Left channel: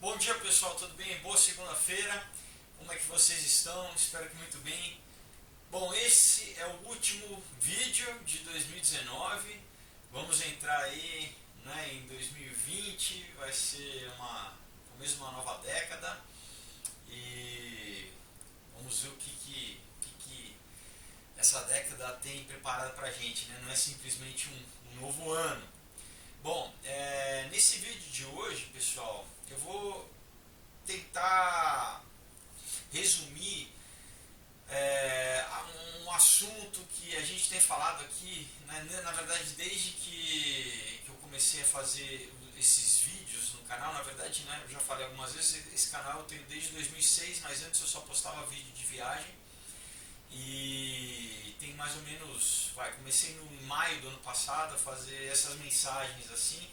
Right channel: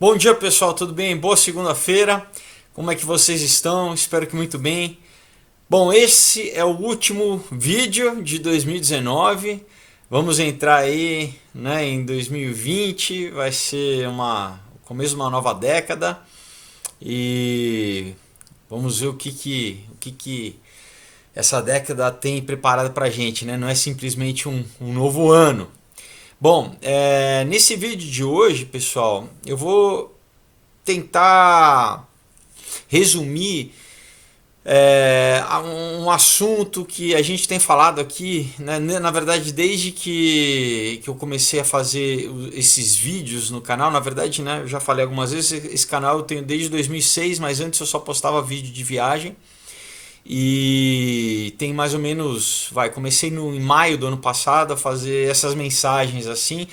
Bom dia pessoal, tudo bem? Boa segunda-feira. Como é que vocês estão? Espero que muito bem. Bom, esse é o último vídeo de 2019. Vamos entrar aí, né, em 2020. Vai ser o começo de uma nova década e vamos ver o que essa década tem preparado pra gente, né? Não é simplesmente um novo ano. Bom, nesse vídeo de hoje, pessoal, eu vou tentar resumir um assunto que a gente tem falado aqui, né? Na verdade, desde que eu comecei a fazer esses vídeos no canal, na verdade, né, eu já falei algumas vezes, esse canal eu tenho desde 2006, mas antes eu só postava vídeo de viagem. E tem mais ou menos, comecei em maio do ano passado a fazer essas mensagens assim,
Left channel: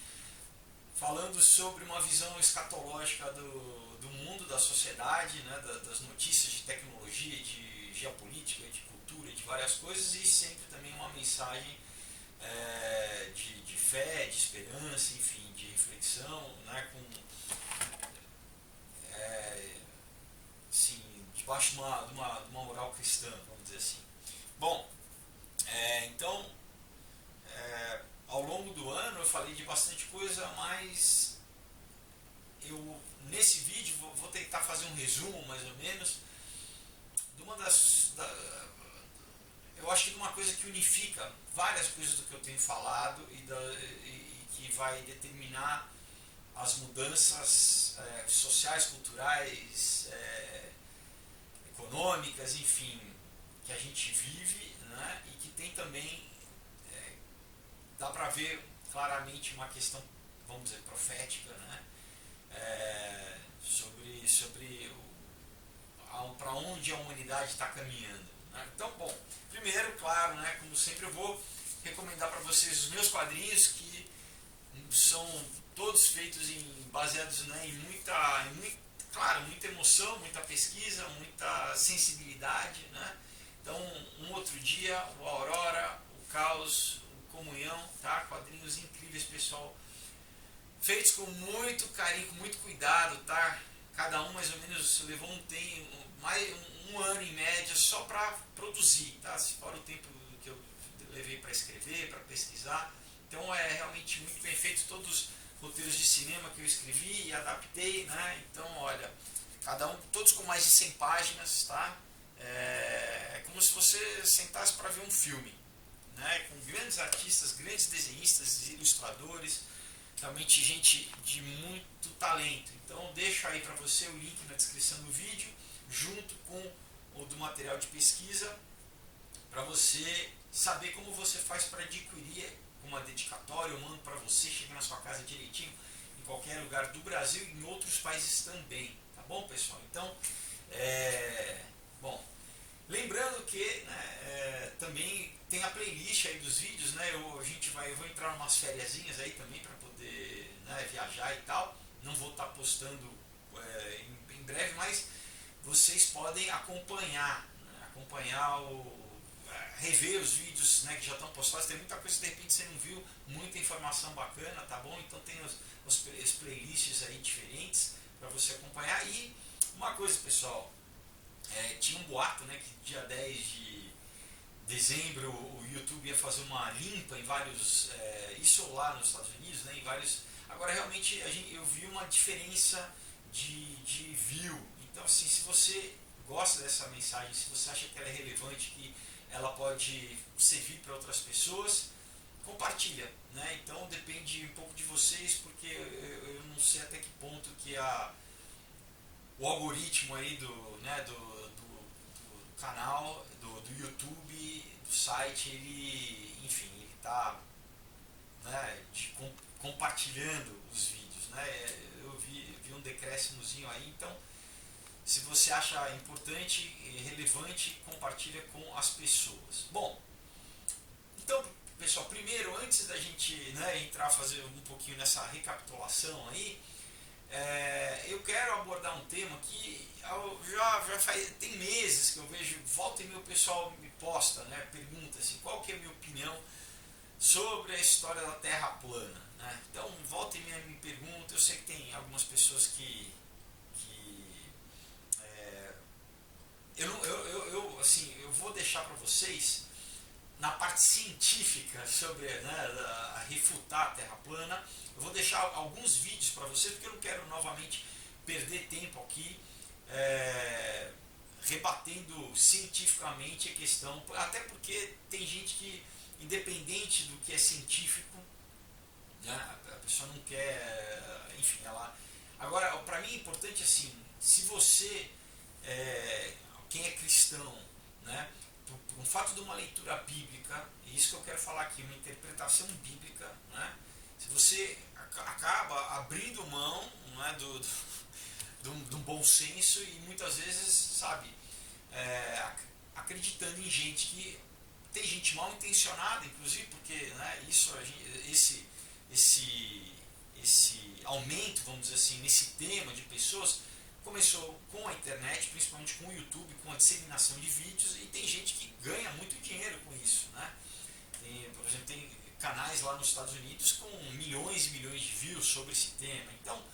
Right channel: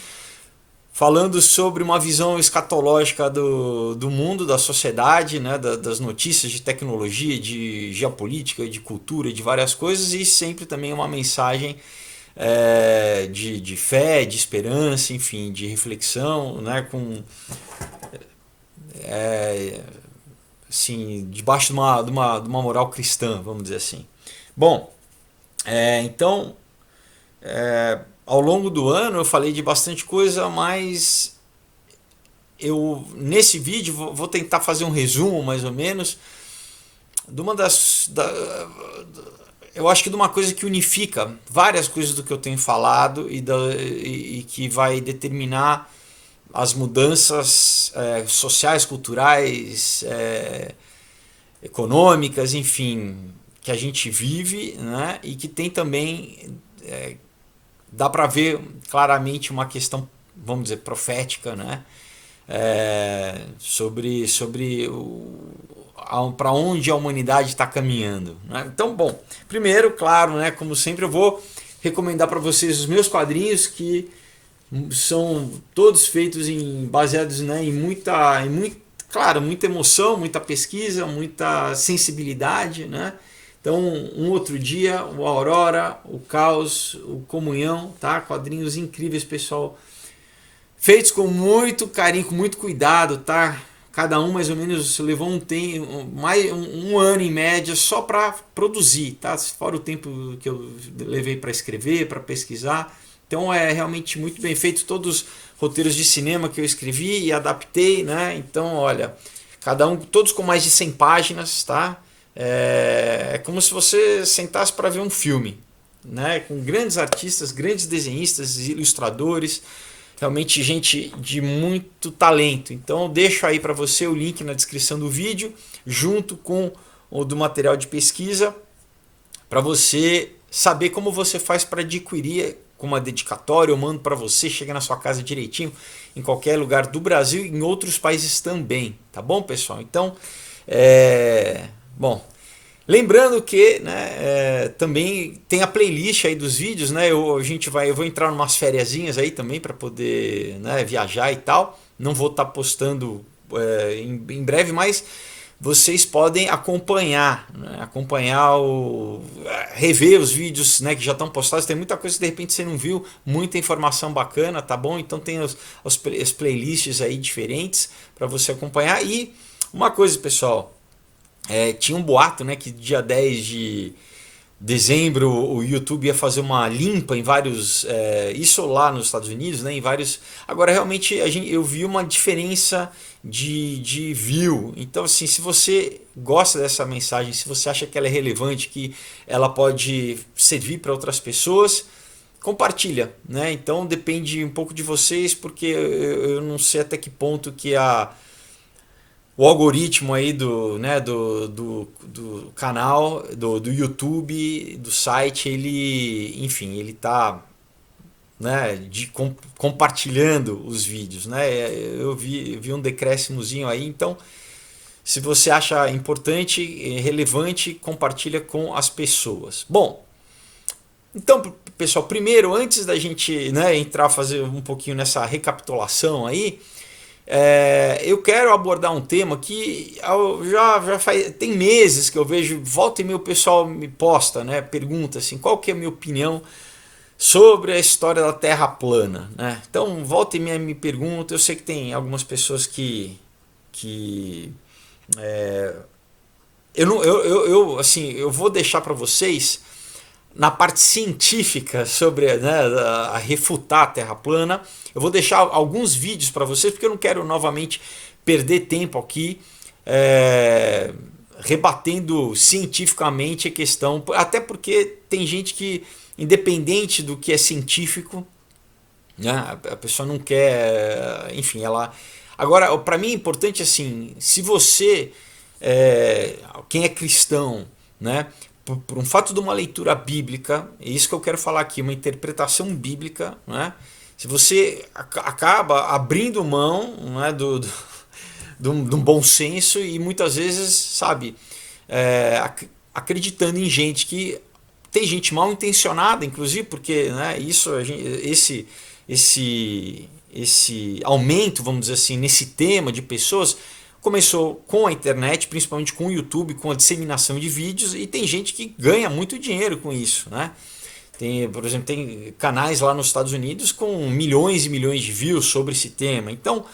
falando sobre uma visão escatológica do mundo, da sociedade, né, das notícias de tecnologia, de geopolítica, de cultura, de várias coisas, e sempre também uma mensagem de fé, de esperança, enfim, de reflexão, né, com assim, debaixo de uma moral cristã, vamos dizer assim. Bom, então ao longo do ano eu falei de bastante coisa, mas eu nesse vídeo vou tentar fazer um resumo mais ou menos de uma eu acho que de uma coisa que unifica várias coisas do que eu tenho falado e que vai determinar as mudanças sociais, culturais, econômicas, enfim, que a gente vive, né? E que tem também dá para ver claramente uma questão, vamos dizer, profética, né? Sobre para onde a humanidade está caminhando, né? Então, bom, primeiro, claro, né, como sempre, eu vou recomendar para vocês os meus quadrinhos que são todos feitos baseados, né, claro, muita emoção, muita pesquisa, muita sensibilidade, né? Então, um outro dia, o Aurora, o Caos, o Comunhão, tá? Quadrinhos incríveis, pessoal, feitos com muito carinho, com muito cuidado, tá? Cada um mais ou menos levou um ano em média só para produzir, tá? Fora o tempo que eu levei para escrever, para pesquisar. Então é realmente muito bem feito. Todos os roteiros de cinema que eu escrevi e adaptei, né? Então, olha, cada um, todos com mais de 100 páginas, tá? É como se você sentasse para ver um filme, né? Com grandes artistas, grandes desenhistas, ilustradores, realmente gente de muito talento. Então eu deixo aí para você o link na descrição do vídeo, junto com o do material de pesquisa, para você saber como você faz para adquirir com uma dedicatória. Eu mando para você, chega na sua casa direitinho, em qualquer lugar do Brasil e em outros países também, tá bom, pessoal? Então, bom, lembrando que, né, também tem a playlist aí dos vídeos, né? Eu vou entrar em umas fériasinhas aí também para poder, né, viajar e tal. Não vou estar postando em breve, mas vocês podem acompanhar, né, rever os vídeos, né, que já estão postados. Tem muita coisa que de repente você não viu, muita informação bacana, tá bom? Então tem as playlists aí diferentes para você acompanhar. E uma coisa, pessoal, tinha um boato, né, que dia 10 de dezembro o YouTube ia fazer uma limpa em vários, isso lá nos Estados Unidos, né, em vários. Agora realmente eu vi uma diferença de view. Então, assim, se você gosta dessa mensagem, se você acha que ela é relevante, que ela pode servir para outras pessoas, compartilha, né? Então depende um pouco de vocês, porque eu não sei até que ponto que o algoritmo aí do canal, do YouTube, do site, ele, enfim, ele tá, né, compartilhando os vídeos, né? Eu vi um decréscimozinho aí. Então, se você acha importante, relevante, compartilha com as pessoas. Bom, então, pessoal, primeiro, antes da gente, né, entrar, fazer um pouquinho nessa recapitulação aí, eu quero abordar um tema que tem meses que eu vejo, volta e meia o pessoal me posta, né, pergunta assim, qual que é a minha opinião sobre a história da Terra plana, né? Então, volta e meia me pergunta, eu sei que tem algumas pessoas que eu não eu assim, eu vou deixar para vocês na parte científica sobre, né, a refutar a Terra plana. Eu vou deixar alguns vídeos para vocês porque eu não quero novamente perder tempo aqui rebatendo cientificamente a questão, até porque tem gente que, independente do que é científico, né, a pessoa não quer, enfim, ela. Agora, para mim é importante assim, se você, quem é cristão, né, por um fato de uma leitura bíblica, é isso que eu quero falar aqui, uma interpretação bíblica, né, se você acaba abrindo mão, né, de um bom senso e muitas vezes, sabe, acreditando em gente que tem gente mal intencionada, inclusive, porque, né, isso esse aumento, vamos dizer assim, nesse tema de pessoas começou com a internet, principalmente com o YouTube, com a disseminação de vídeos, e tem gente que ganha muito dinheiro com isso, né? Tem, por exemplo, tem canais lá nos Estados Unidos com milhões e milhões de views sobre esse tema. Então,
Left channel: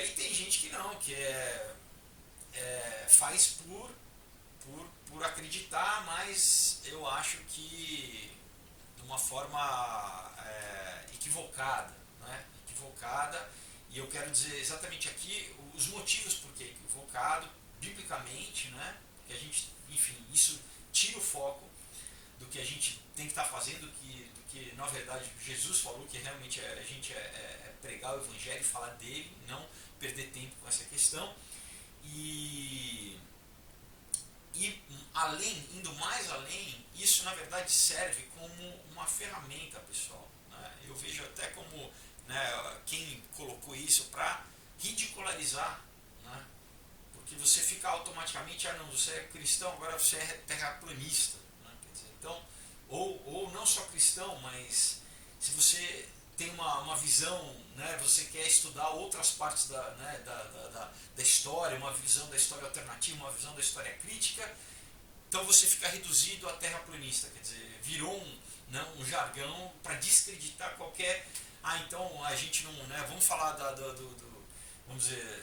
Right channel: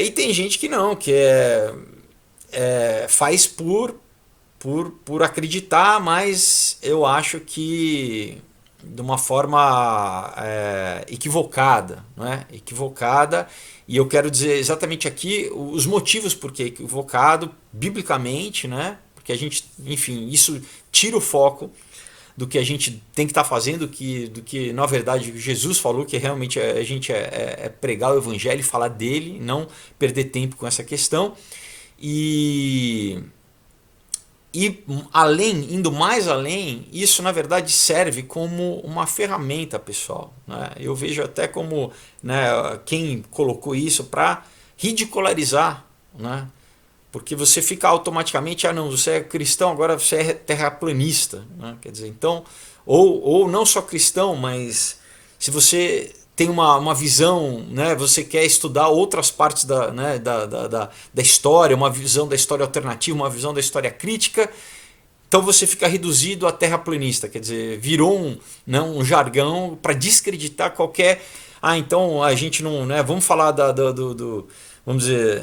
e tem gente que não, que faz por acreditar, mas eu acho que de uma forma equivocada, não é? Equivocada, e eu quero dizer exatamente aqui os motivos por que é equivocado, biblicamente, né? Porque a gente, enfim, isso tira o foco do que a gente tem que estar fazendo, do que na verdade Jesus falou, que realmente a gente é pregar o evangelho e falar dele, não perder tempo com essa questão. E além, indo mais além, isso na verdade serve como uma ferramenta, pessoal, né? Eu vejo até como, né, quem colocou isso para ridicularizar, né? Porque você fica automaticamente, ah não, você é cristão, agora você é terraplanista, né? Quer dizer, então, ou não só cristão, mas se você tem uma visão, né, você quer estudar outras partes né, da história, uma visão da história alternativa, uma visão da história crítica, então você fica reduzido a terraplanista, quer dizer, virou né, um jargão para descreditar qualquer. Ah, então a gente não. Né, vamos falar vamos dizer,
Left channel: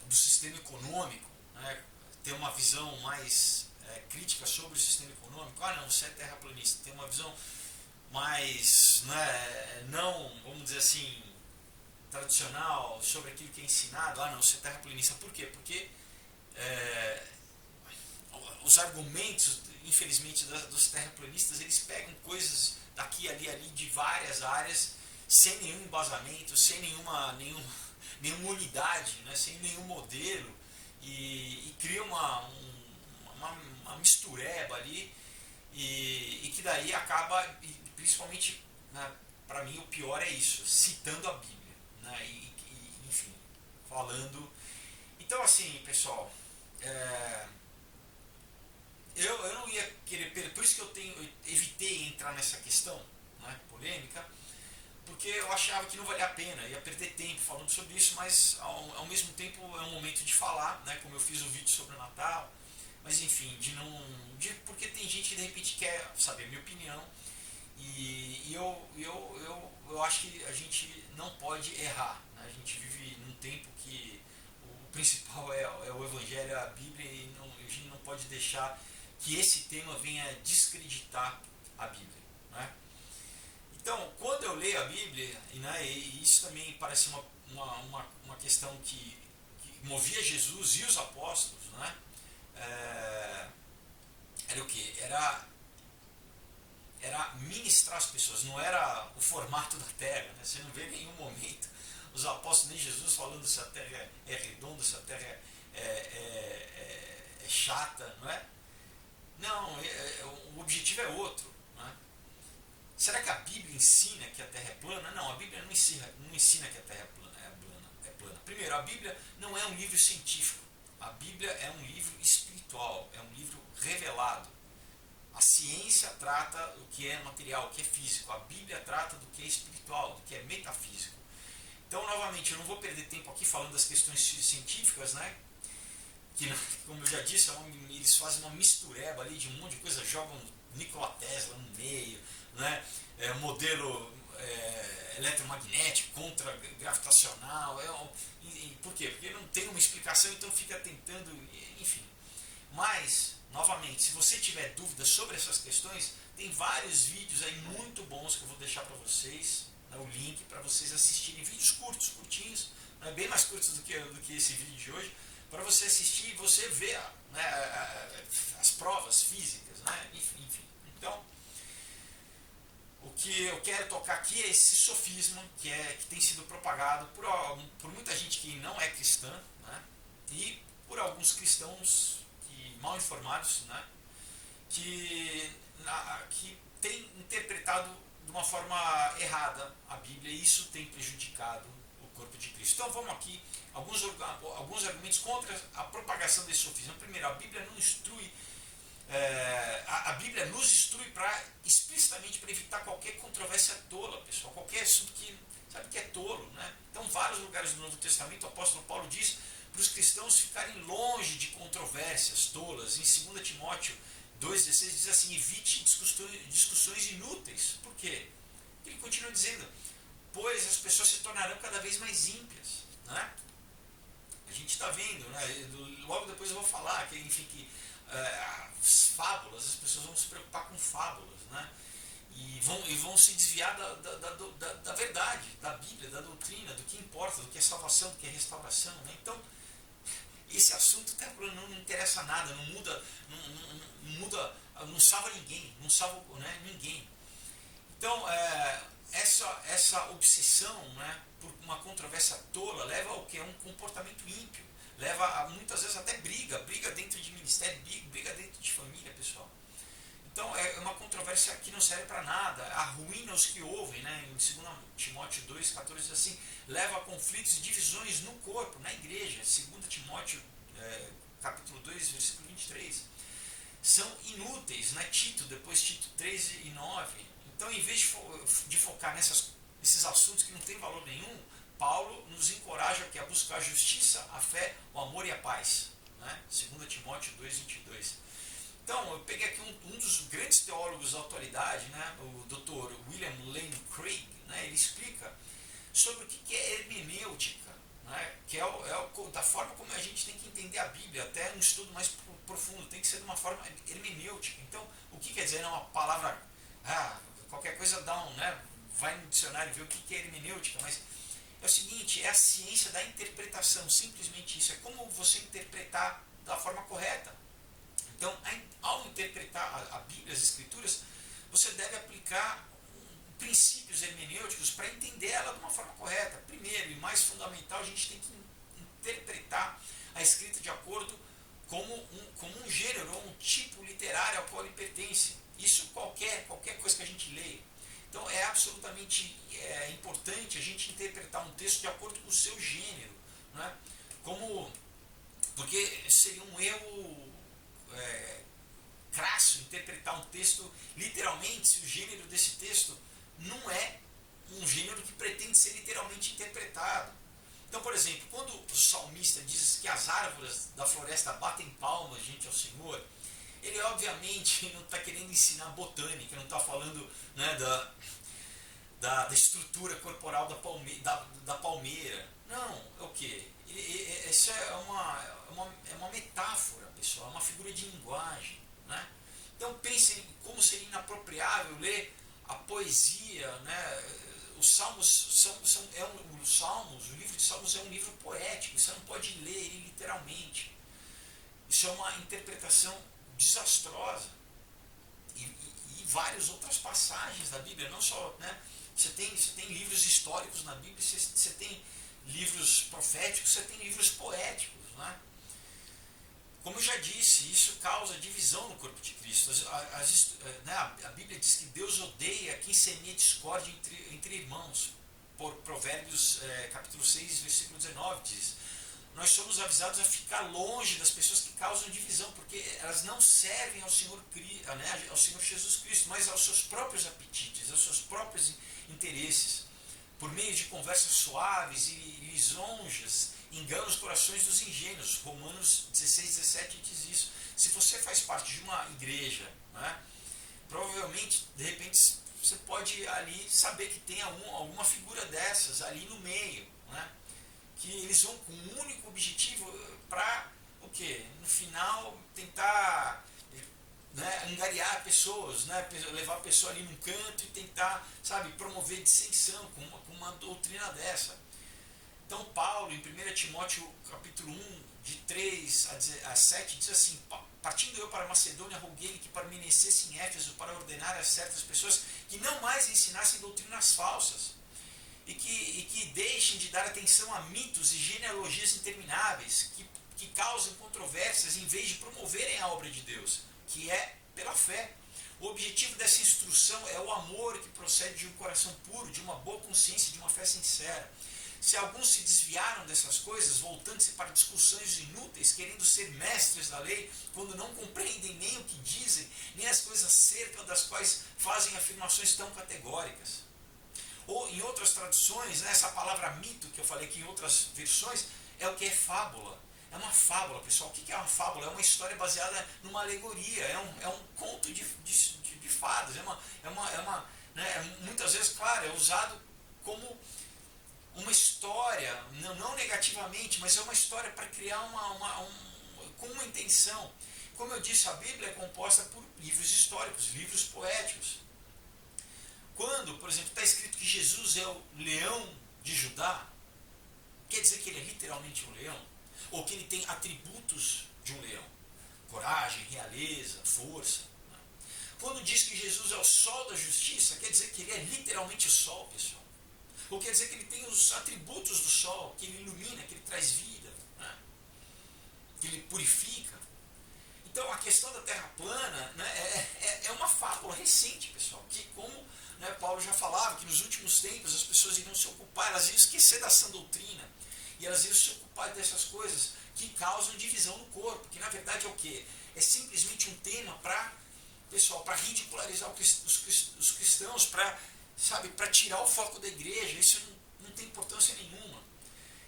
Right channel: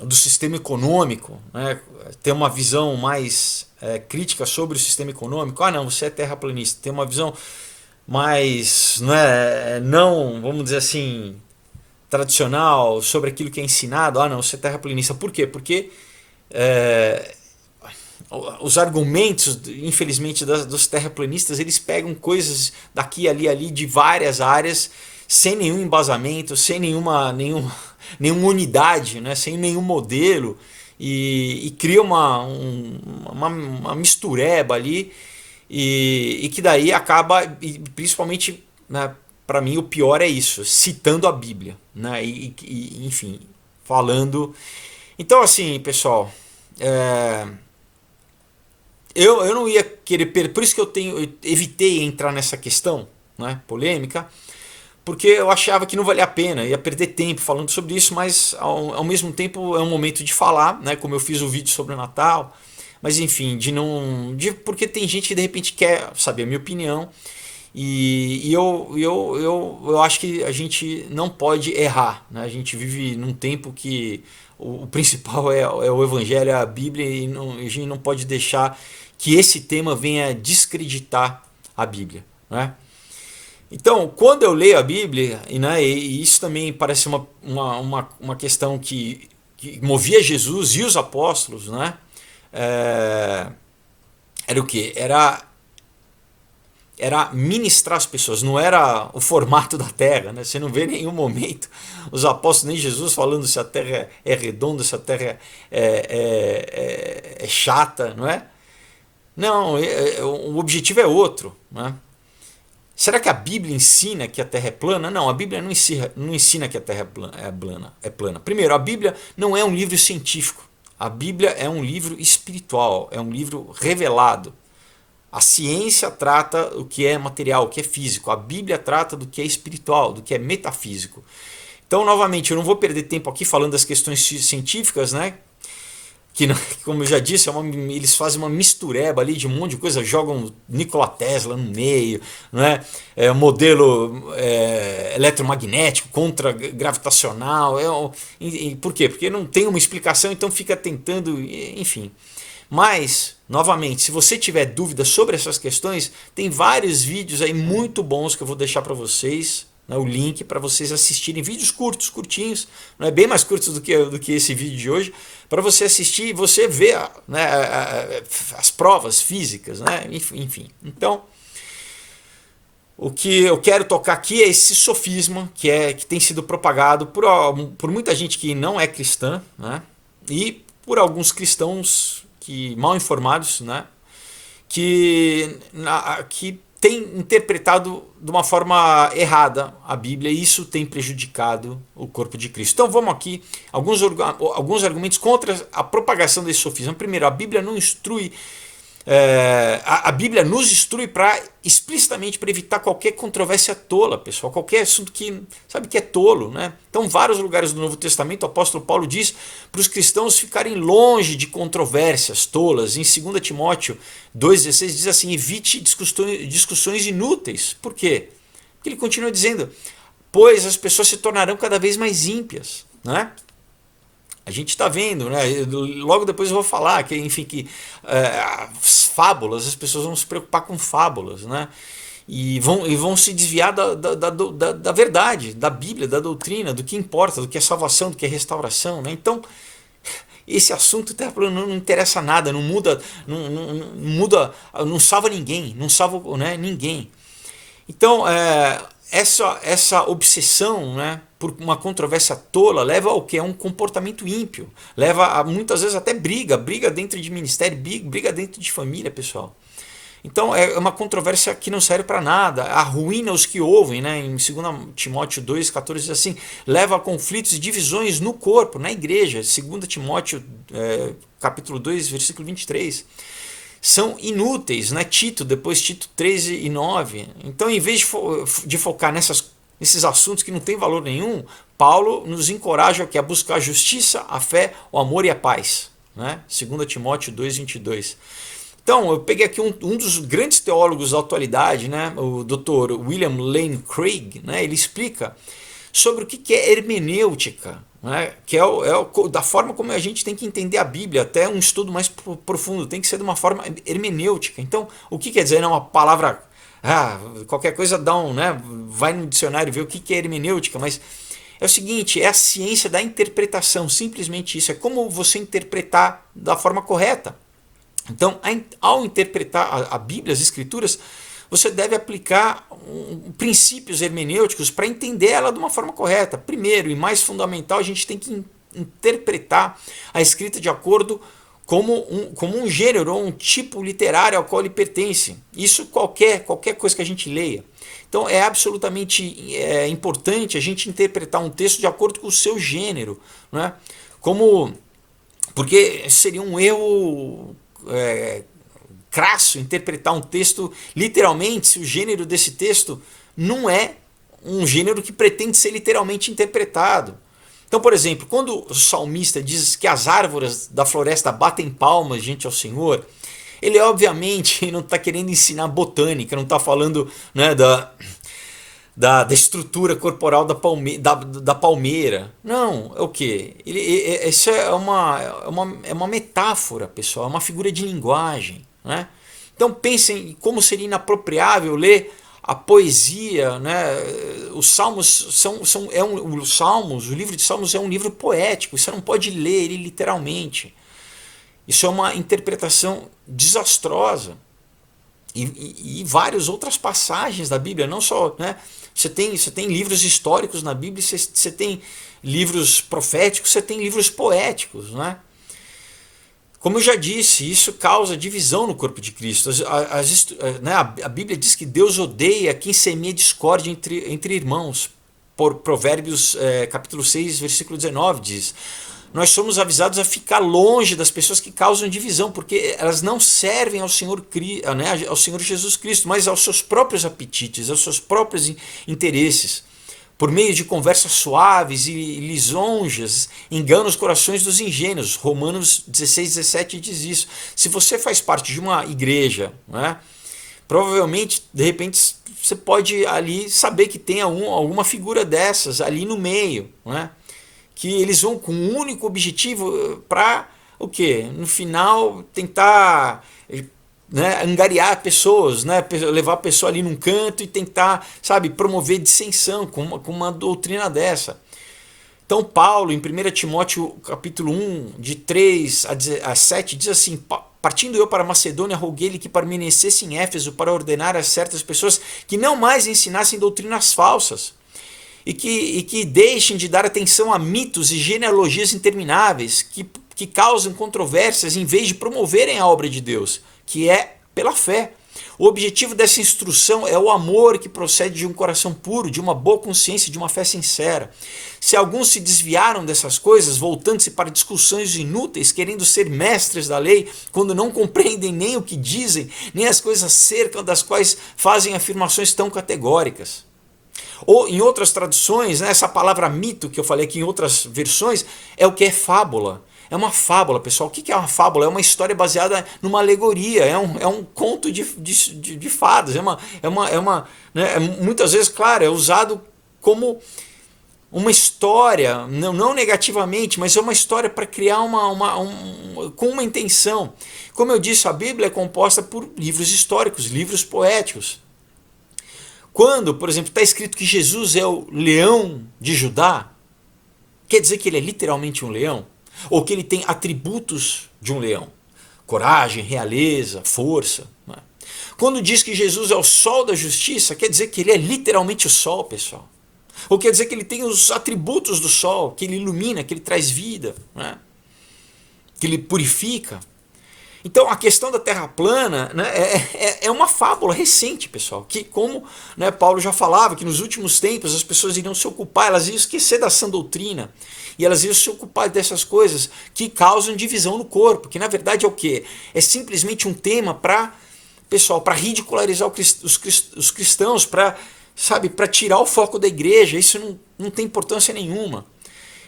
do sistema econômico, né, ter uma visão mais crítica sobre o sistema econômico. Ah, não, você é terraplanista. Tem uma visão mais, não, vamos dizer assim, tradicional sobre aquilo que é ensinado. Ah, não, você é terraplanista. Por quê? Porque os argumentos, infelizmente, dos terraplanistas, eles pegam coisas daqui, ali, ali, de várias áreas, sem nenhum embasamento, sem nenhuma unidade, né? Sem nenhum modelo, e cria uma mistureba ali, e que daí acaba, principalmente, né, para mim o pior é isso, citando a Bíblia, né, enfim, falando. Então, assim, pessoal, eu não ia querer, por isso que eu evitei entrar nessa questão, né, polêmica, porque eu achava que não valia a pena, ia perder tempo falando sobre isso, mas ao mesmo tempo é um momento de falar, né, como eu fiz o vídeo sobre o Natal, mas enfim, porque tem gente que de repente quer saber a minha opinião, e eu acho que a gente não pode errar, né? A gente vive num tempo que o principal é o Evangelho, é a Bíblia, e a gente não pode deixar que esse tema venha descreditar a Bíblia, né? Então, quando eu leio a Bíblia, e isso também parece uma questão que movia Jesus e os apóstolos, né? Era o que? Era ministrar as pessoas, não era o formato da terra, né? Você não vê em nenhum momento os apóstolos, nem Jesus falando se a terra é redonda, se a terra é chata, não é? Não, o objetivo é outro, né? Será que a Bíblia ensina que a Terra é plana? Não, a Bíblia não ensina que a Terra é plana. Primeiro, a Bíblia não é um livro científico. A Bíblia é um livro espiritual, é um livro revelado. A ciência trata o que é material, o que é físico. A Bíblia trata do que é espiritual, do que é metafísico. Então, novamente, eu não vou perder tempo aqui falando das questões científicas, né? que, como eu já disse, eles fazem uma mistureba ali de um monte de coisa, jogam Nikola Tesla no meio, né? Modelo eletromagnético contra gravitacional. Por quê? Porque não tem uma explicação, então fica tentando, enfim. Mas, novamente, se você tiver dúvidas sobre essas questões, tem vários vídeos aí muito bons que eu vou deixar para vocês, né, o link para vocês assistirem, vídeos curtos, curtinhos, né, bem mais curtos do que esse vídeo de hoje, para você assistir e você ver, né, as provas físicas, né, enfim. Então, o que eu quero tocar aqui é esse sofisma que tem sido propagado por muita gente que não é cristã, né, e por alguns cristãos mal informados, né, que tem interpretado de uma forma errada a Bíblia, e isso tem prejudicado o corpo de Cristo. Então vamos aqui, alguns argumentos contra a propagação desse sofisma. Primeiro, a Bíblia não instrui, a Bíblia nos instrui explicitamente para evitar qualquer controvérsia tola, pessoal, qualquer assunto que sabe que é tolo, né? Então, vários lugares do Novo Testamento, o apóstolo Paulo diz para os cristãos ficarem longe de controvérsias tolas. Em 2 Timóteo 2,16 diz assim: evite discussões inúteis. Por quê? Porque ele continua dizendo: pois as pessoas se tornarão cada vez mais ímpias, né? A gente está vendo, né? Logo depois eu vou falar que, enfim, as fábulas, as pessoas vão se preocupar com fábulas, né? E vão se desviar da verdade, da Bíblia, da doutrina, do que importa, do que é salvação, do que é restauração, né? Então, esse assunto não interessa nada, não muda, não salva ninguém, não salva, né, ninguém. Então, essa obsessão, né, por uma controvérsia tola leva ao que? É um comportamento ímpio. Leva a muitas vezes até briga dentro de ministério, briga dentro de família, pessoal. Então é uma controvérsia que não serve para nada, arruína os que ouvem, né? Em 2 Timóteo 2,14 diz assim: leva a conflitos e divisões no corpo, na igreja. 2 Timóteo capítulo 2, versículo 23. São inúteis, né? Depois Tito 13:9. Então, em vez de focar nesses assuntos que não têm valor nenhum, Paulo nos encoraja aqui a buscar a justiça, a fé, o amor e a paz, né? 2 Timóteo 2:22. Então, eu peguei aqui um dos grandes teólogos da atualidade, né? O Dr. William Lane Craig, né? Ele explica sobre o que é hermenêutica, né? Que é da forma como a gente tem que entender a Bíblia, até um estudo mais profundo, tem que ser de uma forma hermenêutica. Então, o que quer dizer? É uma palavra, qualquer coisa né? Vai no dicionário ver o que é hermenêutica, mas é o seguinte, é a ciência da interpretação, simplesmente isso, é como você interpretar da forma correta. Então, ao interpretar a Bíblia, as Escrituras, você deve aplicar princípios hermenêuticos para entender ela de uma forma correta. Primeiro e mais fundamental, a gente tem que interpretar a escrita de acordo como um gênero ou um tipo literário ao qual ele pertence. Isso qualquer coisa que a gente leia. Então é absolutamente importante a gente interpretar um texto de acordo com o seu gênero, né? Porque seria um erro crasso interpretar um texto literalmente se o gênero desse texto não é um gênero que pretende ser literalmente interpretado. Então, por exemplo, quando o salmista diz que as árvores da floresta batem palmas diante ao Senhor, ele obviamente não está querendo ensinar botânica, não está falando, né, da estrutura corporal da palmeira. Não, é o quê? Isso é uma metáfora, pessoal, é uma figura de linguagem, né? Então pensem como seria inapropriável ler a poesia, né? Os Salmos o livro de Salmos é um livro poético, você não pode ler ele literalmente. Isso é uma interpretação desastrosa. E várias outras passagens da Bíblia, não só, né? Você tem livros históricos na Bíblia, você tem livros proféticos, você tem livros poéticos, né? Como eu já disse, isso causa divisão no corpo de Cristo. A Bíblia diz que Deus odeia quem semeia discórdia entre irmãos. Por Provérbios capítulo 6, versículo 19 diz: nós somos avisados a ficar longe das pessoas que causam divisão, porque elas não servem ao Senhor, ao Senhor Jesus Cristo, mas aos seus próprios apetites, aos seus próprios interesses. por meio de conversas suaves e lisonjas, engana os corações dos ingênuos. Romanos 16:17 diz isso. Se você faz parte de uma igreja, né, provavelmente, de repente, você pode ali saber que tem alguma figura dessas ali no meio, né, que eles vão com um único objetivo para o quê? No final, tentar, né, angariar pessoas, né, levar a pessoa ali num canto e tentar, sabe, promover dissensão com uma doutrina dessa. Então Paulo, em 1 Timóteo capítulo 1, de 3 a 7, diz assim: partindo eu para Macedônia, roguei-lhe que permanecesse em Éfeso para ordenar a certas pessoas que não mais ensinassem doutrinas falsas e que deixem de dar atenção a mitos e genealogias intermináveis que causam controvérsias em vez de promoverem a obra de Deus, que é pela fé. O objetivo dessa instrução é o amor que procede de um coração puro, de uma boa consciência, de uma fé sincera. Se alguns se desviaram dessas coisas, voltando-se para discussões inúteis, querendo ser mestres da lei, quando não compreendem nem o que dizem, nem as coisas acerca das quais fazem afirmações tão categóricas. Ou em outras traduções, né, essa palavra mito que eu falei aqui em outras versões, é o que é fábula. É uma fábula, pessoal. O que é uma fábula? É uma história baseada numa alegoria, é um conto de fadas. Né, muitas vezes, claro, é usado como uma história, não negativamente, mas é uma história para criar com uma intenção. Como eu disse, a Bíblia é composta por livros históricos, livros poéticos. Quando, por exemplo, está escrito que Jesus é o leão de Judá, quer dizer que ele é literalmente um leão? Ou que ele tem atributos de um leão? Coragem, realeza, força. Né? Quando diz que Jesus é o sol da justiça, quer dizer que ele é literalmente o sol, pessoal. Ou quer dizer que ele tem os atributos do sol, que ele ilumina, que ele traz vida, né? Que ele purifica. Então a questão da terra plana, né, é uma fábula recente, pessoal, que como, né, Paulo já falava, que nos últimos tempos as pessoas iriam se ocupar, elas iam esquecer da sã doutrina, e elas iam se ocupar dessas coisas que causam divisão no corpo, que na verdade é o quê? É simplesmente um tema para, pessoal, para ridicularizar os cristãos, para tirar o foco da igreja. Isso não tem importância nenhuma.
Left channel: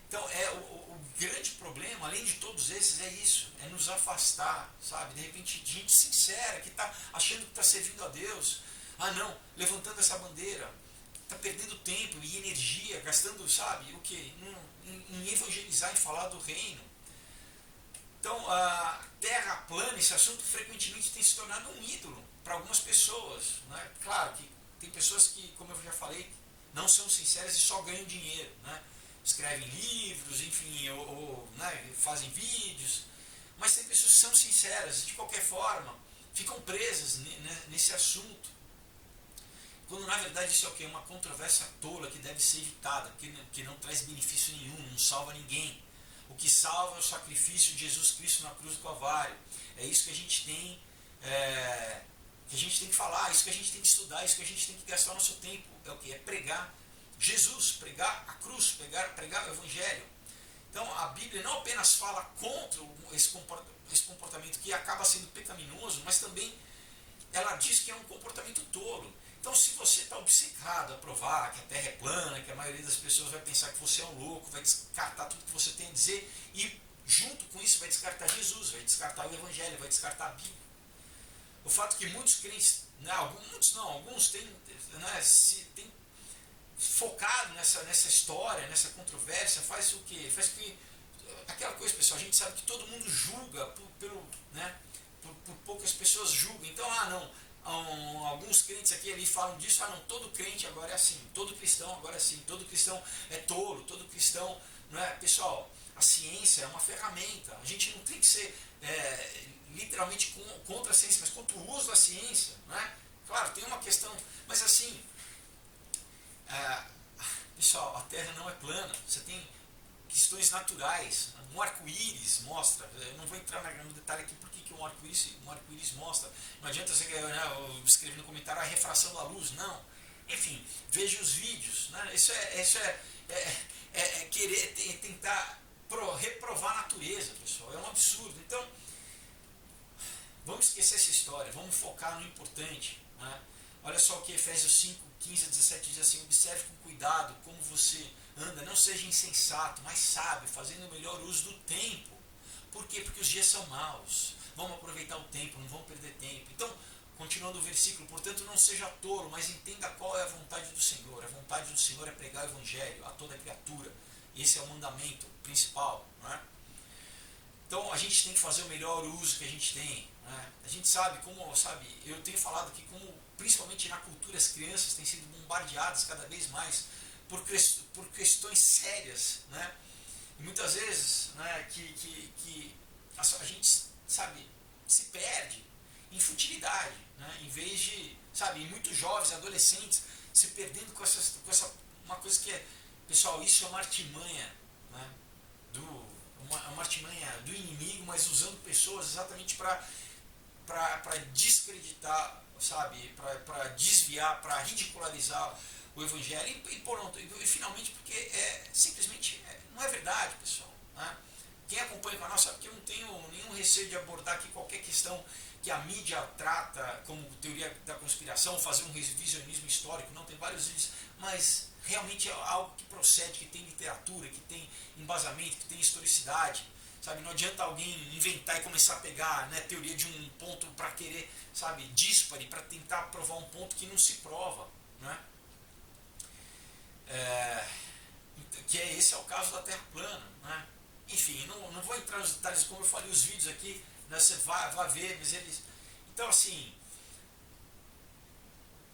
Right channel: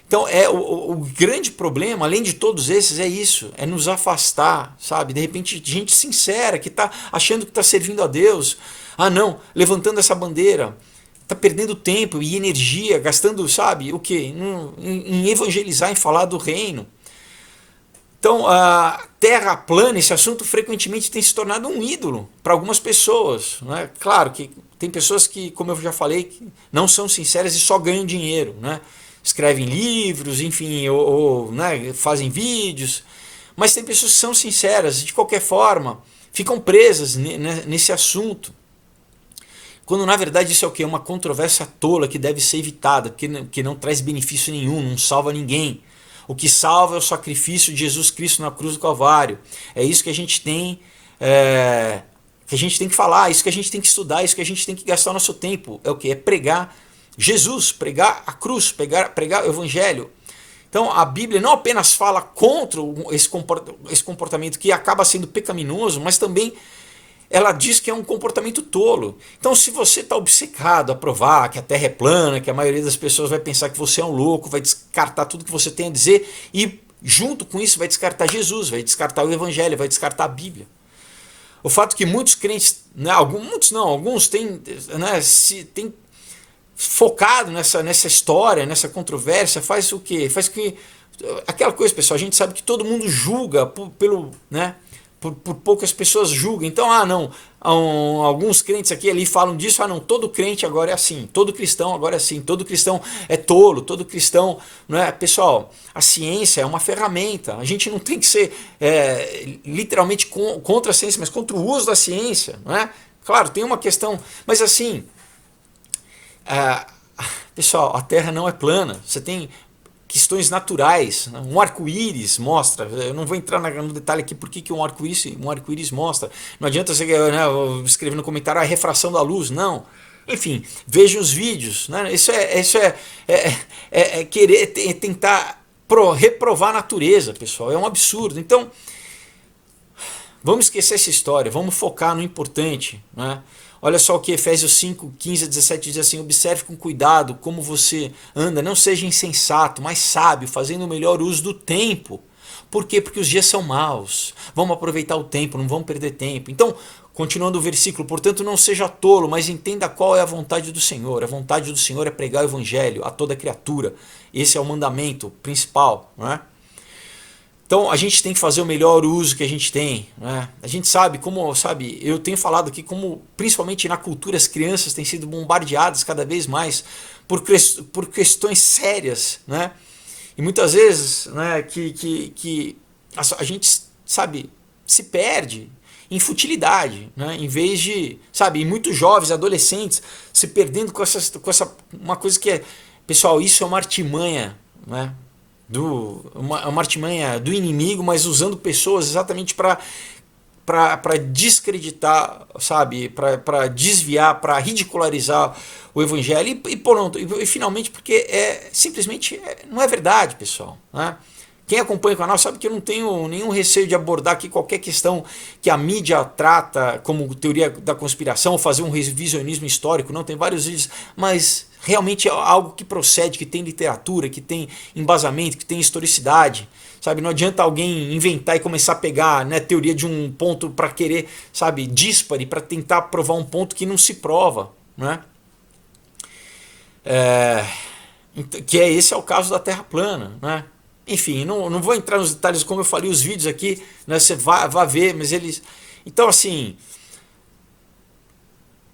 Então, o grande problema, além de todos esses, é isso, é nos afastar, sabe? De repente, gente sincera, que está achando que está servindo a Deus, levantando essa bandeira, está perdendo tempo e energia, gastando, sabe, o quê? Em evangelizar, em falar do reino. Então, a terra plana, esse assunto frequentemente tem se tornado um ídolo para algumas pessoas. Né? Claro que tem pessoas que, como eu já falei, que não são sinceras e só ganham dinheiro, né? Escrevem livros, enfim, ou né, fazem vídeos, mas tem pessoas que são sinceras, de qualquer forma, ficam presas nesse assunto. Quando na verdade isso é o quê? Uma controvérsia tola que deve ser evitada, que não traz benefício nenhum, não salva ninguém. O que salva é o sacrifício de Jesus Cristo na cruz do Calvário. É isso que a gente tem, que a gente tem que falar, isso que a gente tem que estudar, isso que a gente tem que gastar o nosso tempo. É o quê? É pregar Jesus, pregar a cruz, pregar o evangelho. Então a Bíblia não apenas fala contra esse comportamento que acaba sendo pecaminoso, mas também ela diz que é um comportamento tolo. Então se você está obcecado a provar que a Terra é plana, que a maioria das pessoas vai pensar que você é um louco, vai descartar tudo que você tem a dizer e junto com isso vai descartar Jesus, vai descartar o evangelho, vai descartar a Bíblia. O fato que muitos crentes, né, alguns têm, né, têm focado nessa história, nessa controvérsia, faz o quê? Faz que aquela coisa, pessoal, a gente sabe que todo mundo julga por poucas pessoas julgam. Então, alguns crentes aqui ali falam disso, todo crente agora é assim, todo cristão agora é assim, todo cristão é tolo, todo cristão, não é? Pessoal, a ciência é uma ferramenta. A gente não tem que ser literalmente contra a ciência, mas contra o uso da ciência, não é? Claro, tem uma questão, mas assim, pessoal, a Terra não é plana. Você tem questões naturais. Um arco-íris mostra. Eu não vou entrar no detalhe aqui porque que um arco-íris mostra. Não adianta você escrever no comentário a refração da luz. Não. Enfim, veja os vídeos. Né? Isso é querer tentar reprovar a natureza, pessoal. É um absurdo. Então, vamos esquecer essa história. Vamos focar no importante. Né? Olha só o que Efésios 5, 15 a 17 diz assim: observe com cuidado como você anda, não seja insensato, mas sábio, fazendo o melhor uso do tempo. Por quê? Porque os dias são maus. Vamos aproveitar o tempo, não vamos perder tempo. Então, continuando o versículo, portanto, não seja tolo, mas entenda qual é a vontade do Senhor. A vontade do Senhor é pregar o evangelho a toda criatura. Esse é o mandamento principal, não é? Então a gente tem que fazer o melhor uso que a gente tem, né? A gente sabe como, sabe, eu tenho falado aqui como, principalmente na cultura, as crianças têm sido bombardeadas cada vez mais por questões sérias, né? E muitas vezes, né, que a gente, sabe, se perde em futilidade, né? Em vez de, sabe, e muitos jovens, adolescentes se perdendo uma coisa que é, pessoal, isso é uma artimanha, né? Uma artimanha do inimigo, mas usando pessoas exatamente para descreditar, sabe, para desviar, para ridicularizar o evangelho e finalmente porque simplesmente não é verdade, pessoal, né? Quem acompanha o canal sabe que eu não tenho nenhum receio de abordar aqui qualquer questão que a mídia trata como teoria da conspiração, ou fazer um revisionismo histórico, não, tem vários vídeos, mas realmente é algo que procede, que tem literatura, que tem embasamento, que tem historicidade. Sabe, não adianta alguém inventar e começar a pegar, né, teoria de um ponto para querer, sabe, díspare, para tentar provar um ponto que não se prova, né? Esse é o caso da Terra plana, né? Enfim, não vou entrar nos detalhes como eu falei os vídeos aqui, né, você vai ver, mas eles... Então, assim,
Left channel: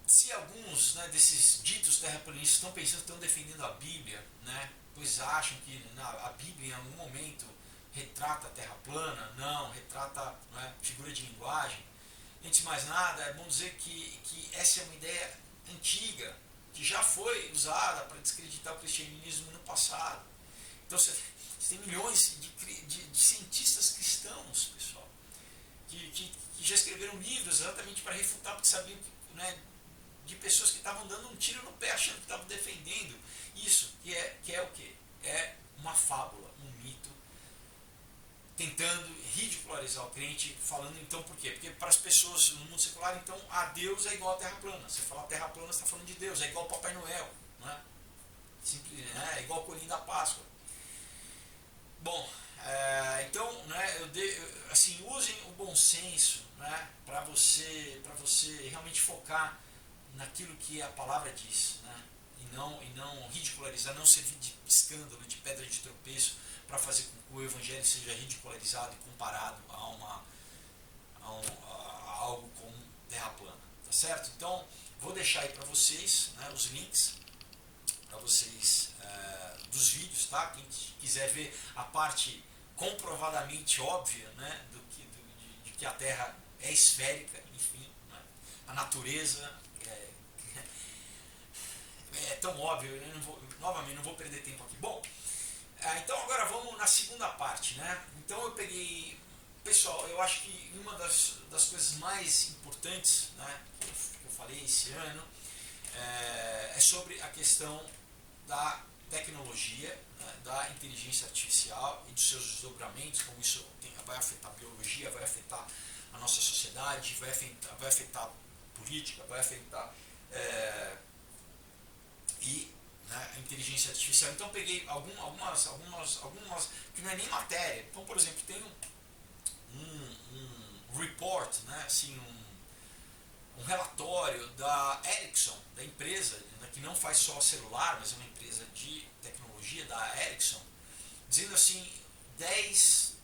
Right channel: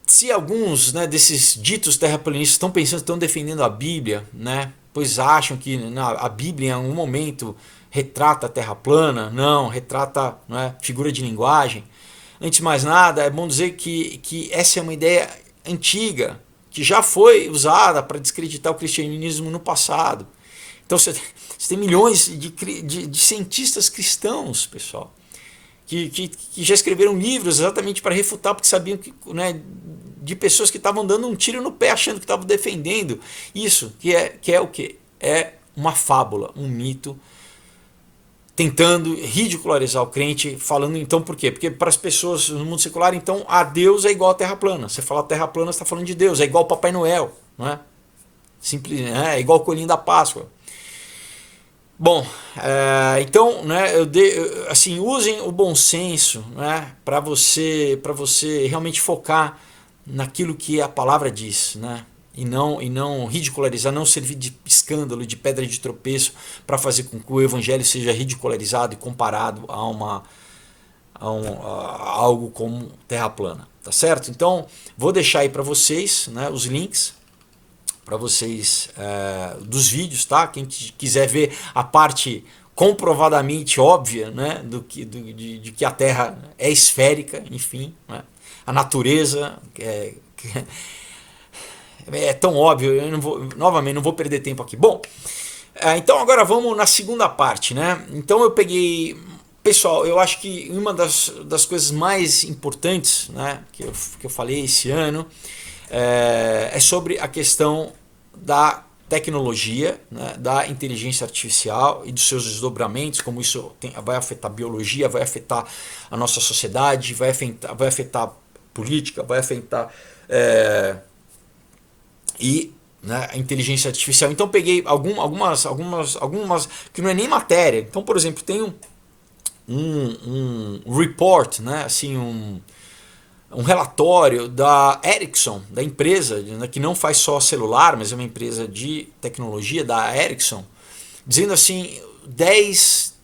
se alguns, né, desses ditos terraplanistas estão pensando, estão defendendo a Bíblia, né, pois acham que a Bíblia em algum momento retrata a Terra plana, não, retrata, né, figura de linguagem. Antes de mais nada, é bom dizer que essa é uma ideia antiga, que já foi usada para descreditar o cristianismo no passado. Então você tem milhões de cientistas cristãos, pessoal, que já escreveram livros exatamente para refutar, porque sabiam que, né, de pessoas que estavam dando um tiro no pé achando que estavam defendendo isso, que é o quê? É uma fábula, um mito, tentando ridicularizar o crente, falando então por quê? Porque para as pessoas no mundo secular, então, a Deus é igual a Terra plana. Você fala Terra plana, você está falando de Deus, é igual ao Papai Noel, não é? Simples, é igual o coelhinho da Páscoa. Bom, então, né, assim, usem o bom senso, né, para você realmente focar naquilo que a palavra diz, né, e não ridicularizar, não servir de escândalo, de pedra de tropeço para fazer com que o evangelho seja ridicularizado e comparado a algo como terra plana, tá certo? Então, vou deixar aí para vocês, né, os links para vocês dos vídeos, tá? Quem quiser ver a parte comprovadamente óbvia, né, de que a Terra é esférica, enfim, né? A natureza é tão óbvio, eu novamente não vou perder tempo aqui. Bom, então agora vamos na segunda parte, né? Então eu peguei, pessoal, eu acho que uma das coisas mais importantes, né, que eu falei esse ano é sobre a questão da tecnologia, né, da inteligência artificial e dos seus desdobramentos, como isso vai afetar a biologia, vai afetar a nossa sociedade, vai afetar a política, vai afetar né, a inteligência artificial. Então peguei algumas que não é nem matéria. Então, por exemplo, tem um report, né, assim, um relatório da Ericsson, da empresa, né, que não faz só celular, mas é uma empresa de tecnologia da Ericsson, dizendo assim 10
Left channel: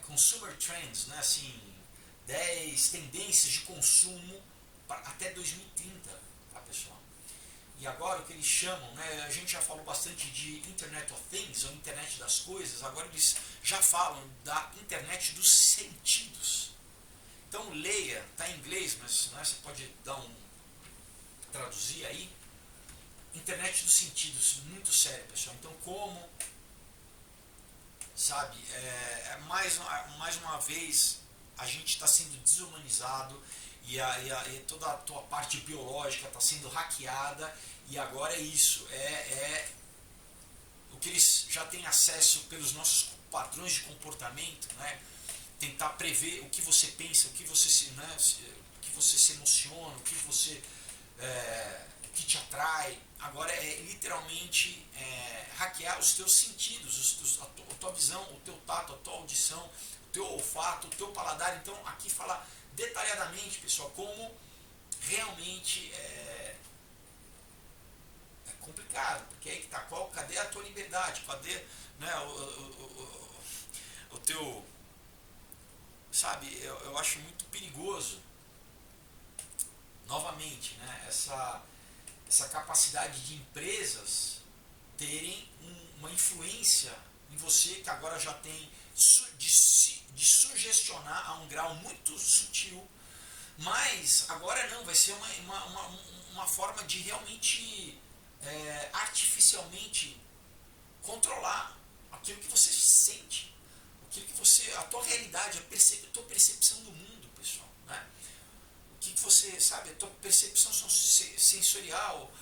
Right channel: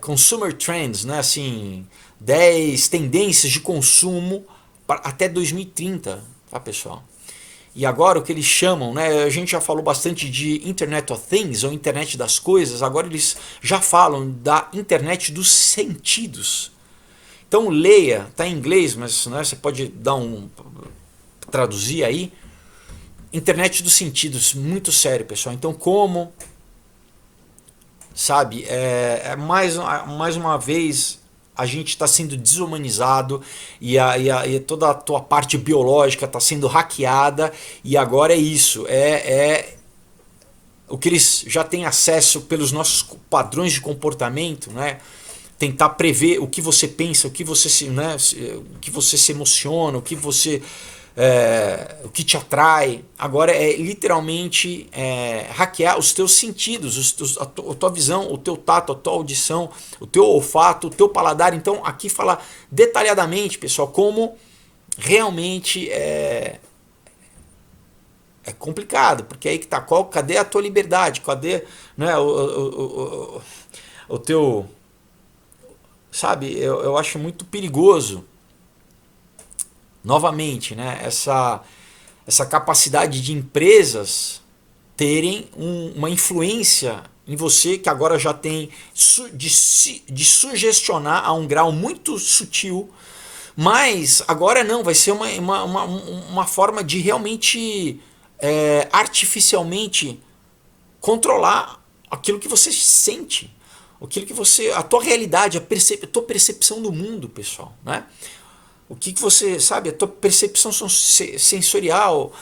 consumer trends, né, assim, 10 tendências de consumo até 2030, tá, pessoal? E agora o que eles chamam, né, a gente já falou bastante de Internet of Things, ou Internet das Coisas, agora eles já falam da Internet dos Sentidos. Então leia, está em inglês, mas, né, você pode traduzir aí. Internet dos sentidos, muito sério, pessoal. Então como, sabe, mais uma vez a gente está sendo desumanizado e toda a tua parte biológica está sendo hackeada, e agora é isso, o que eles já têm acesso pelos nossos padrões de comportamento, né? tentar prever o que você pensa, o que você o que você se emociona, o que te atrai. Agora é literalmente hackear os teus sentidos, a tua visão, o teu tato, a tua audição, o teu olfato, o teu paladar. Então aqui fala detalhadamente, pessoal, como realmente é complicado, porque aí que tá, cadê a tua liberdade, cadê, né, o teu, sabe, eu acho muito perigoso, novamente, né, essa capacidade de empresas terem uma influência em você, que agora já tem de sugestionar a um grau muito sutil, mas agora não, vai ser uma forma de realmente artificialmente controlar aquilo que você sente, aquilo que você, a tua realidade, a tua percepção do mundo, pessoal, né? O que você sabe, a tua percepção sensorial,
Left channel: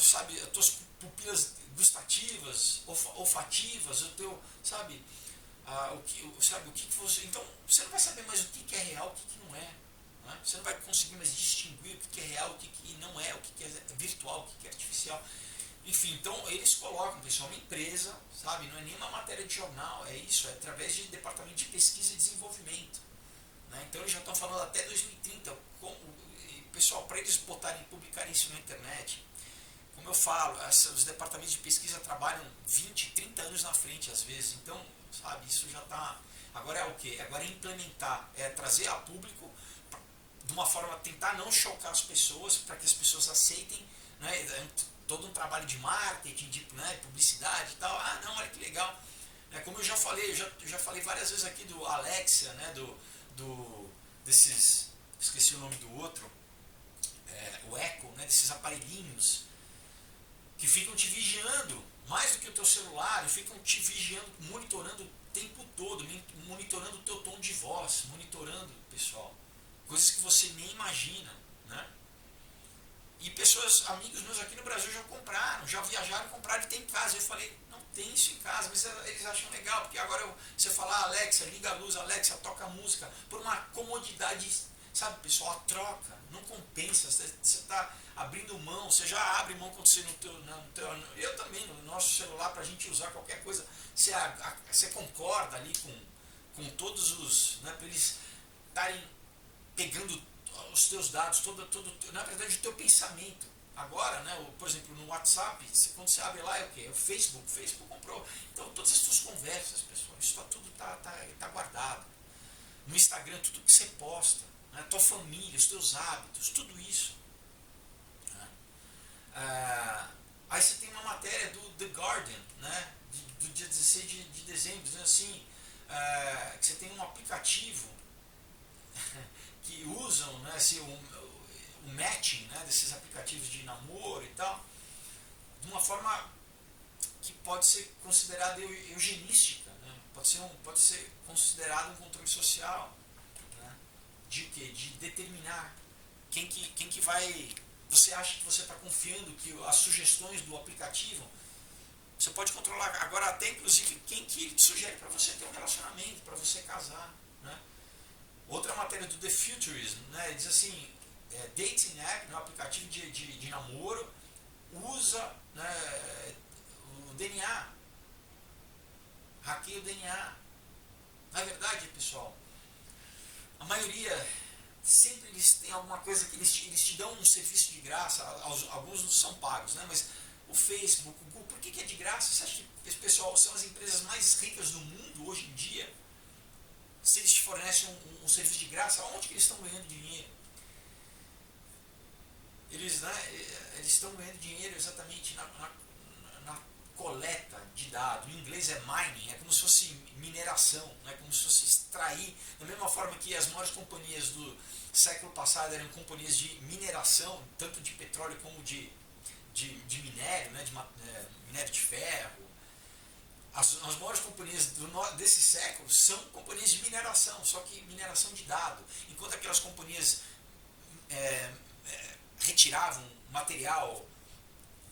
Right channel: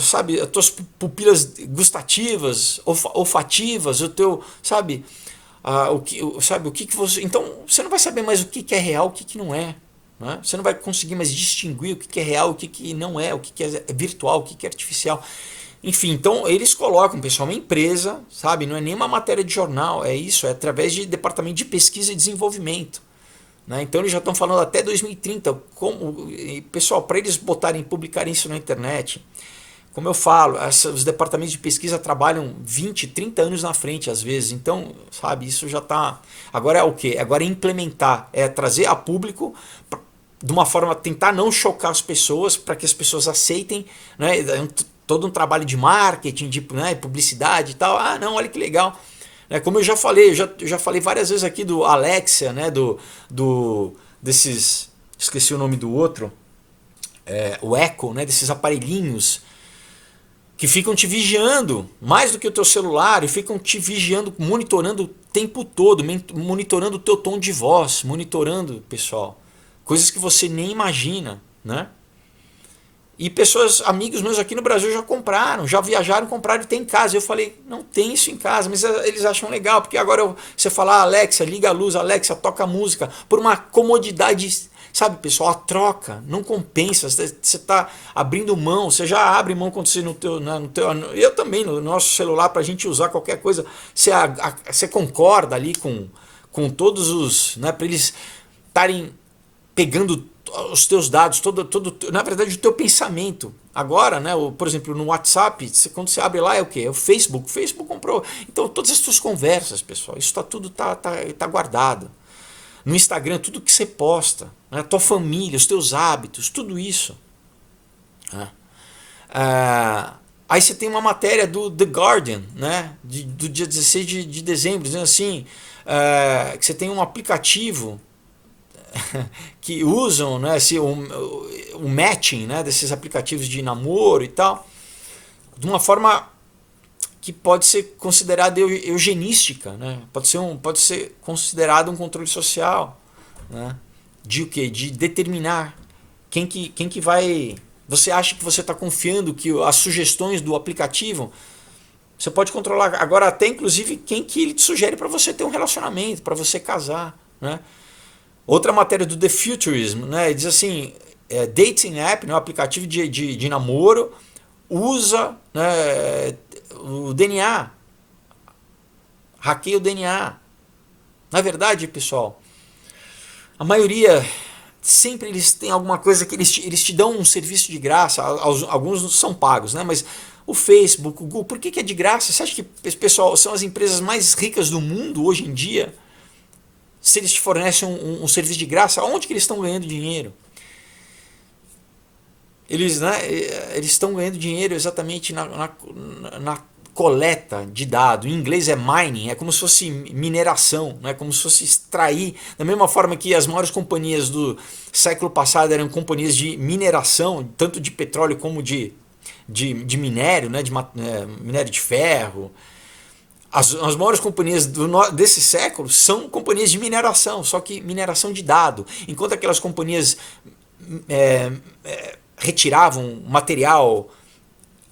sabe, as tuas pupilas gustativas, olfativas, o teu, sabe, o que você, então você não vai saber mais o que é real, o que não é. Né? Você não vai conseguir mais distinguir o que é real, o que não é, o que é virtual, o que é artificial. Enfim, então eles colocam, pessoal, uma empresa, sabe? Não é nem uma matéria de jornal, é isso, é através de departamento de pesquisa e desenvolvimento. Né? Então eles já estão falando até 2030. Pessoal, para eles botarem, publicarem isso na internet, como eu falo, os departamentos de pesquisa trabalham 20, 30 anos na frente às vezes. Então, sabe, isso já está. Agora é o quê? Agora é implementar, é trazer a público de uma forma, tentar não chocar as pessoas, para que as pessoas aceitem, né? Todo um trabalho de marketing, de, né, publicidade e tal. Ah, não, olha que legal. Como eu já falei, eu já falei várias vezes aqui do Alexia, né, desses, esqueci o nome do outro, o Echo, né, desses aparelhinhos que ficam te vigiando mais do que o teu celular e ficam te vigiando, monitorando o tempo todo, monitorando o teu tom de voz, monitorando, pessoal, coisas que você nem imagina, né? E pessoas, amigos meus aqui no Brasil já compraram, já viajaram, compraram e tem em casa. Eu falei, não tem isso em casa, mas eles acham legal, porque agora você fala, Alexa, liga a luz, Alexa, toca música, por uma comodidade, sabe, pessoal, a troca não compensa. Você está abrindo mão, você já abre mão quando você no teu, eu também, no nosso celular, para a gente usar qualquer coisa, você concorda ali com todos os, né, para eles estarem pegando os teus dados, na verdade o teu pensamento. Agora, né, por exemplo, no WhatsApp, quando você abre lá é o que? É o Facebook. O Facebook comprou. Então todas as tuas conversas, pessoal, isso tudo tá guardado. No Instagram, tudo que você posta, né, a tua família, os teus hábitos, tudo isso. Né? Aí você tem uma matéria do The Guardian, né, do dia 16 de dezembro, dizendo assim, que você tem um aplicativo que usam, né, o matching, né, desses aplicativos de namoro e tal, de uma forma que pode ser considerada eugenística, né? Pode ser considerado um controle social, né? De o quê? De determinar quem que vai. Você acha que você está confiando que as sugestões do aplicativo você pode controlar agora até inclusive quem que ele te sugere para você ter um relacionamento, para você casar, né? Outra matéria do The Futurism, né, diz assim, dating app, né, um aplicativo de namoro, usa, né, o DNA, hackeia o DNA. Na verdade, pessoal, a maioria, sempre eles têm alguma coisa que eles te dão um serviço de graça, alguns são pagos, né, mas o Facebook, o Google, por que é de graça? Você acha que, pessoal, são as empresas mais ricas do mundo hoje em dia? Se eles te fornecem um serviço de graça, onde que eles estão ganhando dinheiro? Eles estão ganhando dinheiro exatamente na coleta de dados. Em inglês é mining, é como se fosse mineração, né? Como se fosse extrair. Da mesma forma que as maiores companhias do século passado eram companhias de mineração, tanto de petróleo como de minério, né? Minério de ferro. As maiores companhias desse século são companhias de mineração, só que mineração de dado. Enquanto aquelas companhias retiravam material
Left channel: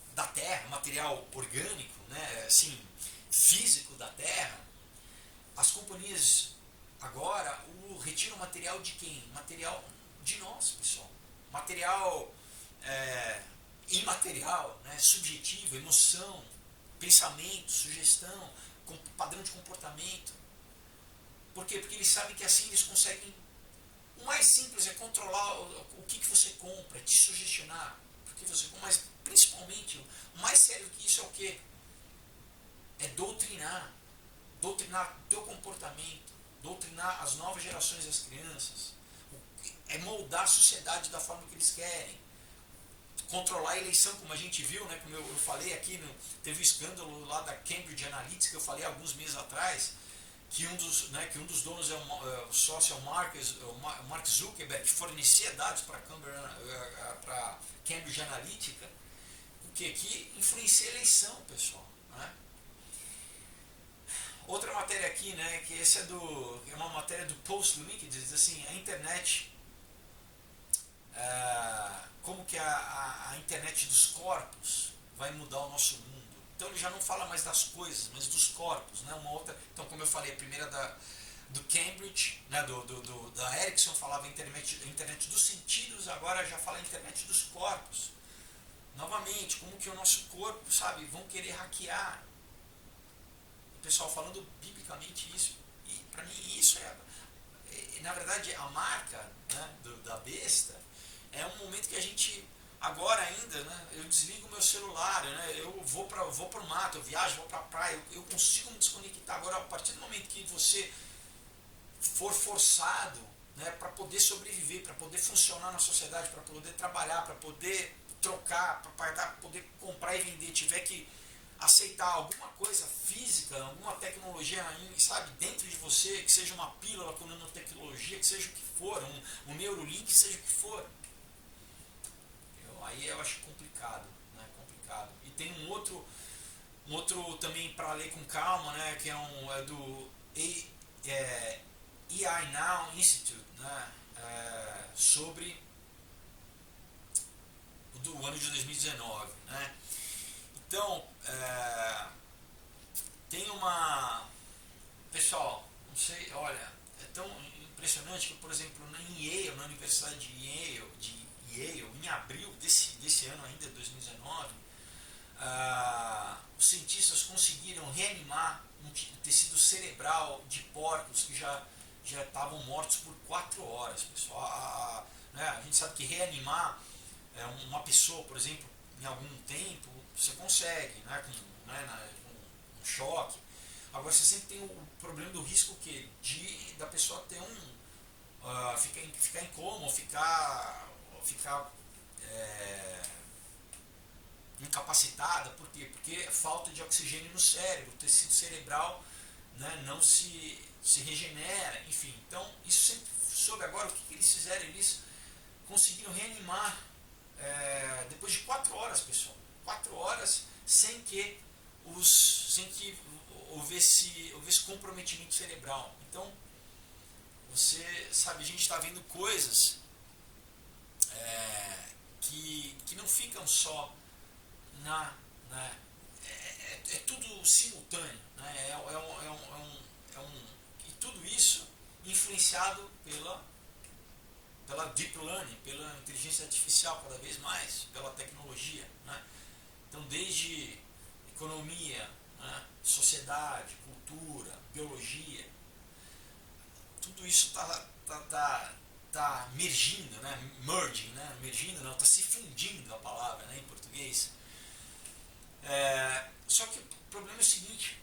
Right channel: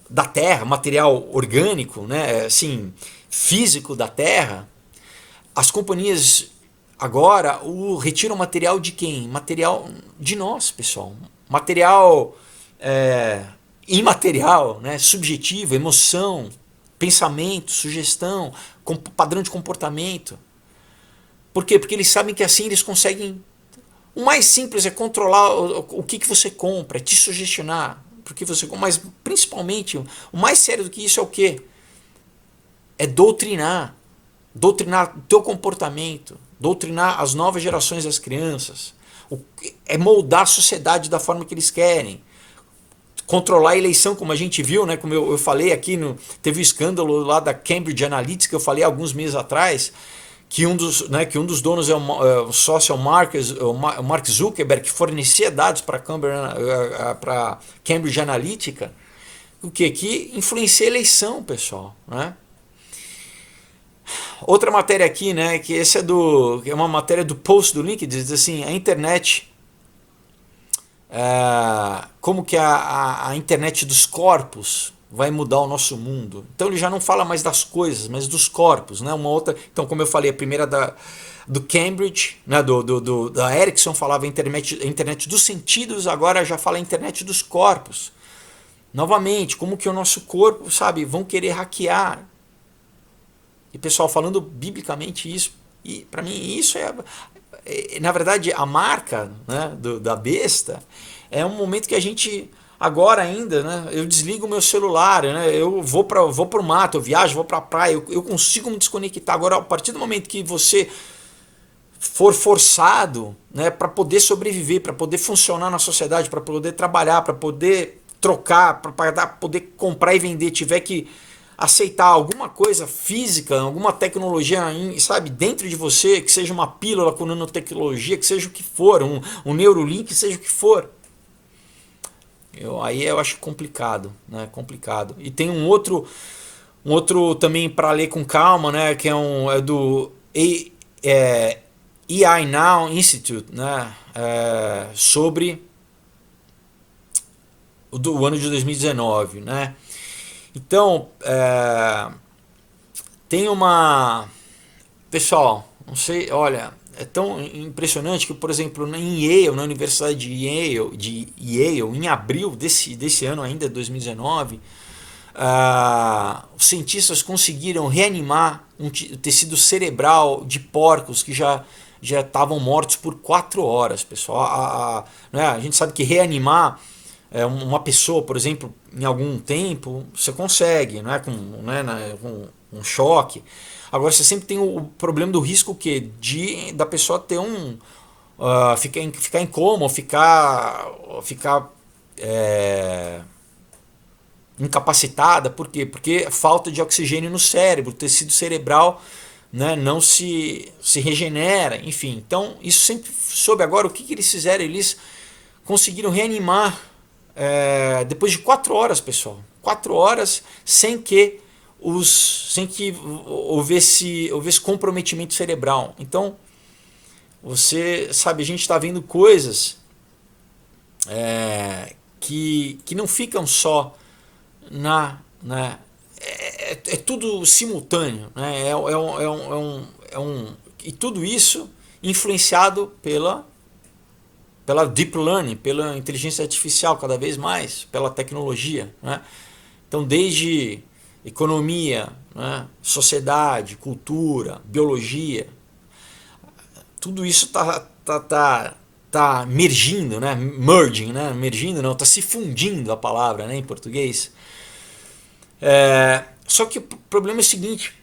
da terra, material orgânico, né, assim, físico da terra, as companhias agora retira o material de quem? Material de nós, pessoal. Material imaterial, né? Subjetivo, emoção, pensamento, sugestão, padrão de comportamento. Por quê? Porque eles sabem que assim eles conseguem. O mais simples é controlar o que você compra, é te sugestionar. Porque você, mas principalmente, o mais sério do que isso é o quê? É doutrinar. Doutrinar o teu comportamento, doutrinar as novas gerações das crianças, é moldar a sociedade da forma que eles querem, controlar a eleição, como a gente viu, né, como eu falei aqui, teve o escândalo lá da Cambridge Analytica, que eu falei alguns meses atrás, que um dos donos é o sócio o Mark Zuckerberg, que fornecia dados para Cambridge Analytica, o que influencia a eleição, pessoal, né? Outra matéria aqui, né, que esse é uma matéria do Post do LinkedIn, diz assim, a internet, como que a internet dos corpos vai mudar o nosso mundo. Então ele já não fala mais das coisas, mas dos corpos, né? Uma outra, então como eu falei, a primeira do Cambridge, né, da Ericsson falava a internet dos sentidos, agora já fala a internet dos corpos. Novamente, como que o nosso corpo, sabe, vão querer hackear. E pessoal, falando biblicamente isso, e para mim isso na verdade, a marca, né, da besta é um momento que a gente, agora ainda, né, eu desligo o meu celular, né, eu vou para o mato, eu viajo, vou para a praia, eu consigo me desconectar. Agora, a partir do momento que você for forçado, né, para poder sobreviver, para poder funcionar na sociedade, para poder trabalhar, para poder trocar, para poder comprar e vender, tiver que aceitar alguma coisa física, alguma tecnologia, sabe, dentro de você, que seja uma pílula com nanotecnologia, que seja o que for, um Neurolink, seja o que for. Aí eu acho complicado, né? Complicado. E tem um outro também para ler com calma, né? Que é do AI Now Institute, né? Sobre o ano de 2019, né? Então, tem uma... Pessoal, não sei, olha, é tão impressionante que, por exemplo, em Yale, na Universidade de Yale, em abril desse ano ainda, 2019, os cientistas conseguiram reanimar um tecido cerebral de porcos que já estavam mortos por 4 horas, pessoal. Né, a gente sabe que reanimar uma pessoa, por exemplo, em algum tempo, você consegue, né, com um choque. Agora você sempre tem o problema do risco que da pessoa ter ficar em coma, ou ficar incapacitada. Por quê? Porque falta de oxigênio no cérebro, o tecido cerebral, né, não se regenera, enfim. Então isso sempre soube. Agora o que eles fizeram? Eles conseguiram reanimar depois de 4 horas, pessoal. 4 horas sem que houvesse comprometimento cerebral. Então, você sabe, a gente está vendo coisas que não ficam só é tudo simultâneo, né? E tudo isso influenciado pela deep learning, pela inteligência artificial cada vez mais, pela tecnologia, né? Então, desde economia, né, sociedade, cultura, biologia, tudo isso tá mergindo, né? Merging, né? Mergindo não, tá se fundindo a palavra, né, em português. Só que o problema é o seguinte:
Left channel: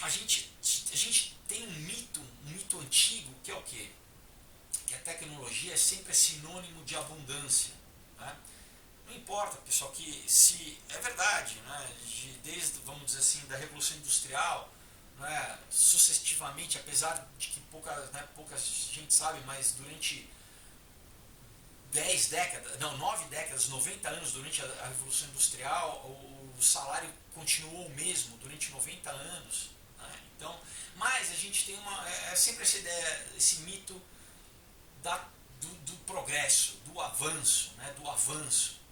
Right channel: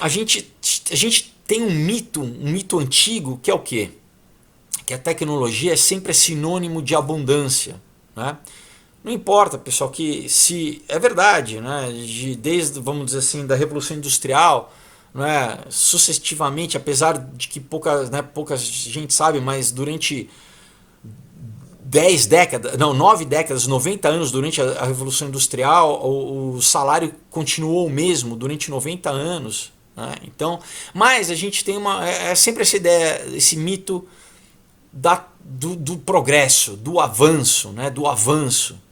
a gente tem um mito antigo que é o quê? Que a tecnologia é sempre sinônimo de abundância, né? Não importa, pessoal, que se é verdade, né, desde, vamos dizer assim, da Revolução Industrial, né, sucessivamente, apesar de que pouca gente sabe, mas durante 9 décadas, 90 anos durante a Revolução Industrial, o salário continuou o mesmo durante 90 anos. Né? Então, mas a gente tem sempre essa ideia, esse mito do progresso, do avanço, né, do avanço.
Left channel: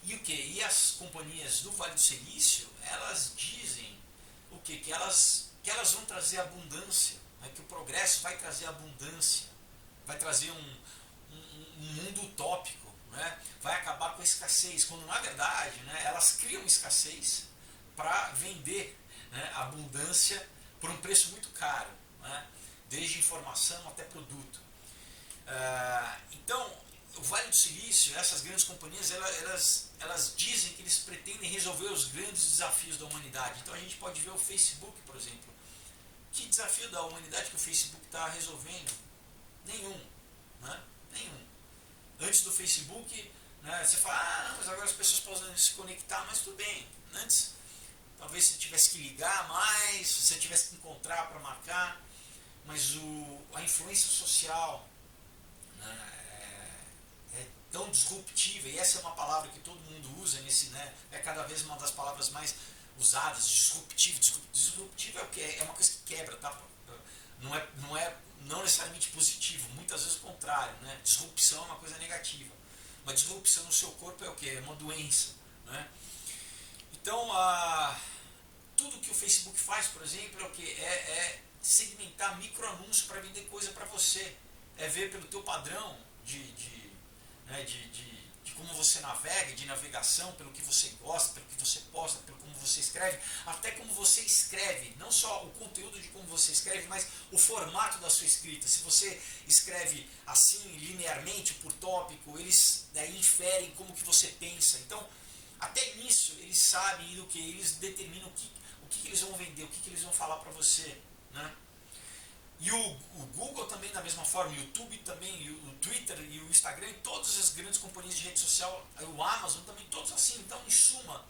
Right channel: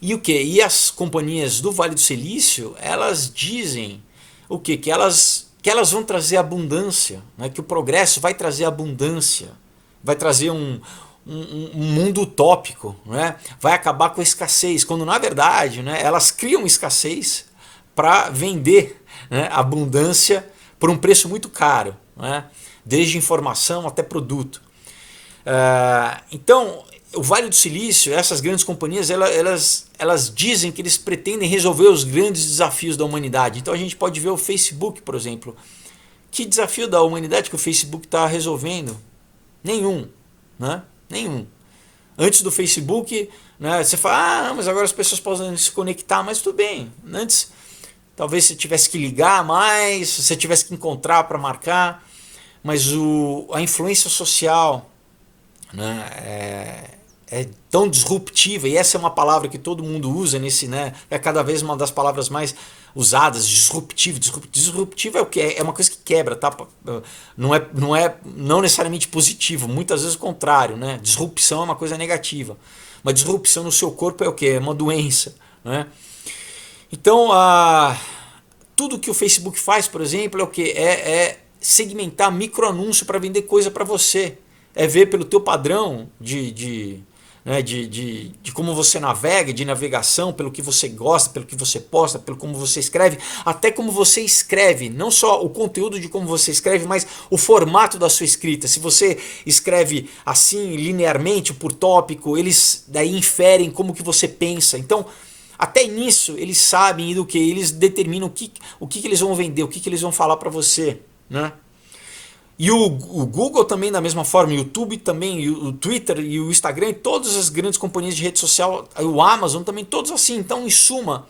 E o que? E as companhias do Vale do Silício, elas dizem o que? Que elas que elas vão trazer abundância, né? Que o progresso vai trazer abundância, vai trazer um mundo utópico, né? Vai acabar com a escassez, quando na verdade, né, elas criam escassez para vender, né, abundância por um preço muito caro, né? Desde informação até produto. Então, o Vale do Silício, essas grandes companhias, elas dizem que eles pretendem resolver os grandes desafios da humanidade. Então a gente pode ver o Facebook, por exemplo. Que desafio da humanidade que o Facebook está resolvendo? Nenhum, né? Nenhum. Antes do Facebook, né, você fala, mas agora as pessoas podem se conectar, mas tudo bem. Antes, talvez você tivesse que ligar mais, você tivesse que encontrar para marcar, mas a influência social, né, é tão disruptiva, e essa é uma palavra que todo mundo usa nesse, né, é cada vez uma das palavras mais usadas, disruptivo. Disruptivo é o que? É uma coisa que quebra, tá? Não necessariamente positivo, muitas vezes o contrário, né? Disrupção é uma coisa negativa. Mas disrupção no seu corpo é o que? É uma doença, né? Então, tudo que o Facebook faz, por exemplo, é o que? É segmentar microanúncio para vender coisa para você. É ver pelo teu padrão né, de como você navega, de navegação, pelo que você gosta, pelo que você posta, pelo como você escreve, até como você escreve, não só o conteúdo de como você escreve, mas o formato da sua escrita. Se você escreve assim, linearmente, por tópico, eles daí inferem como que você pensa. Então, até nisso, eles sabem do que eles determinam o que eles vão vender, o que eles vão falar para você, né? E o Google também da mesma forma, o YouTube também, o Twitter e o Instagram e todas as grandes companhias de rede social, o Amazon também, todos assim. Então, em suma,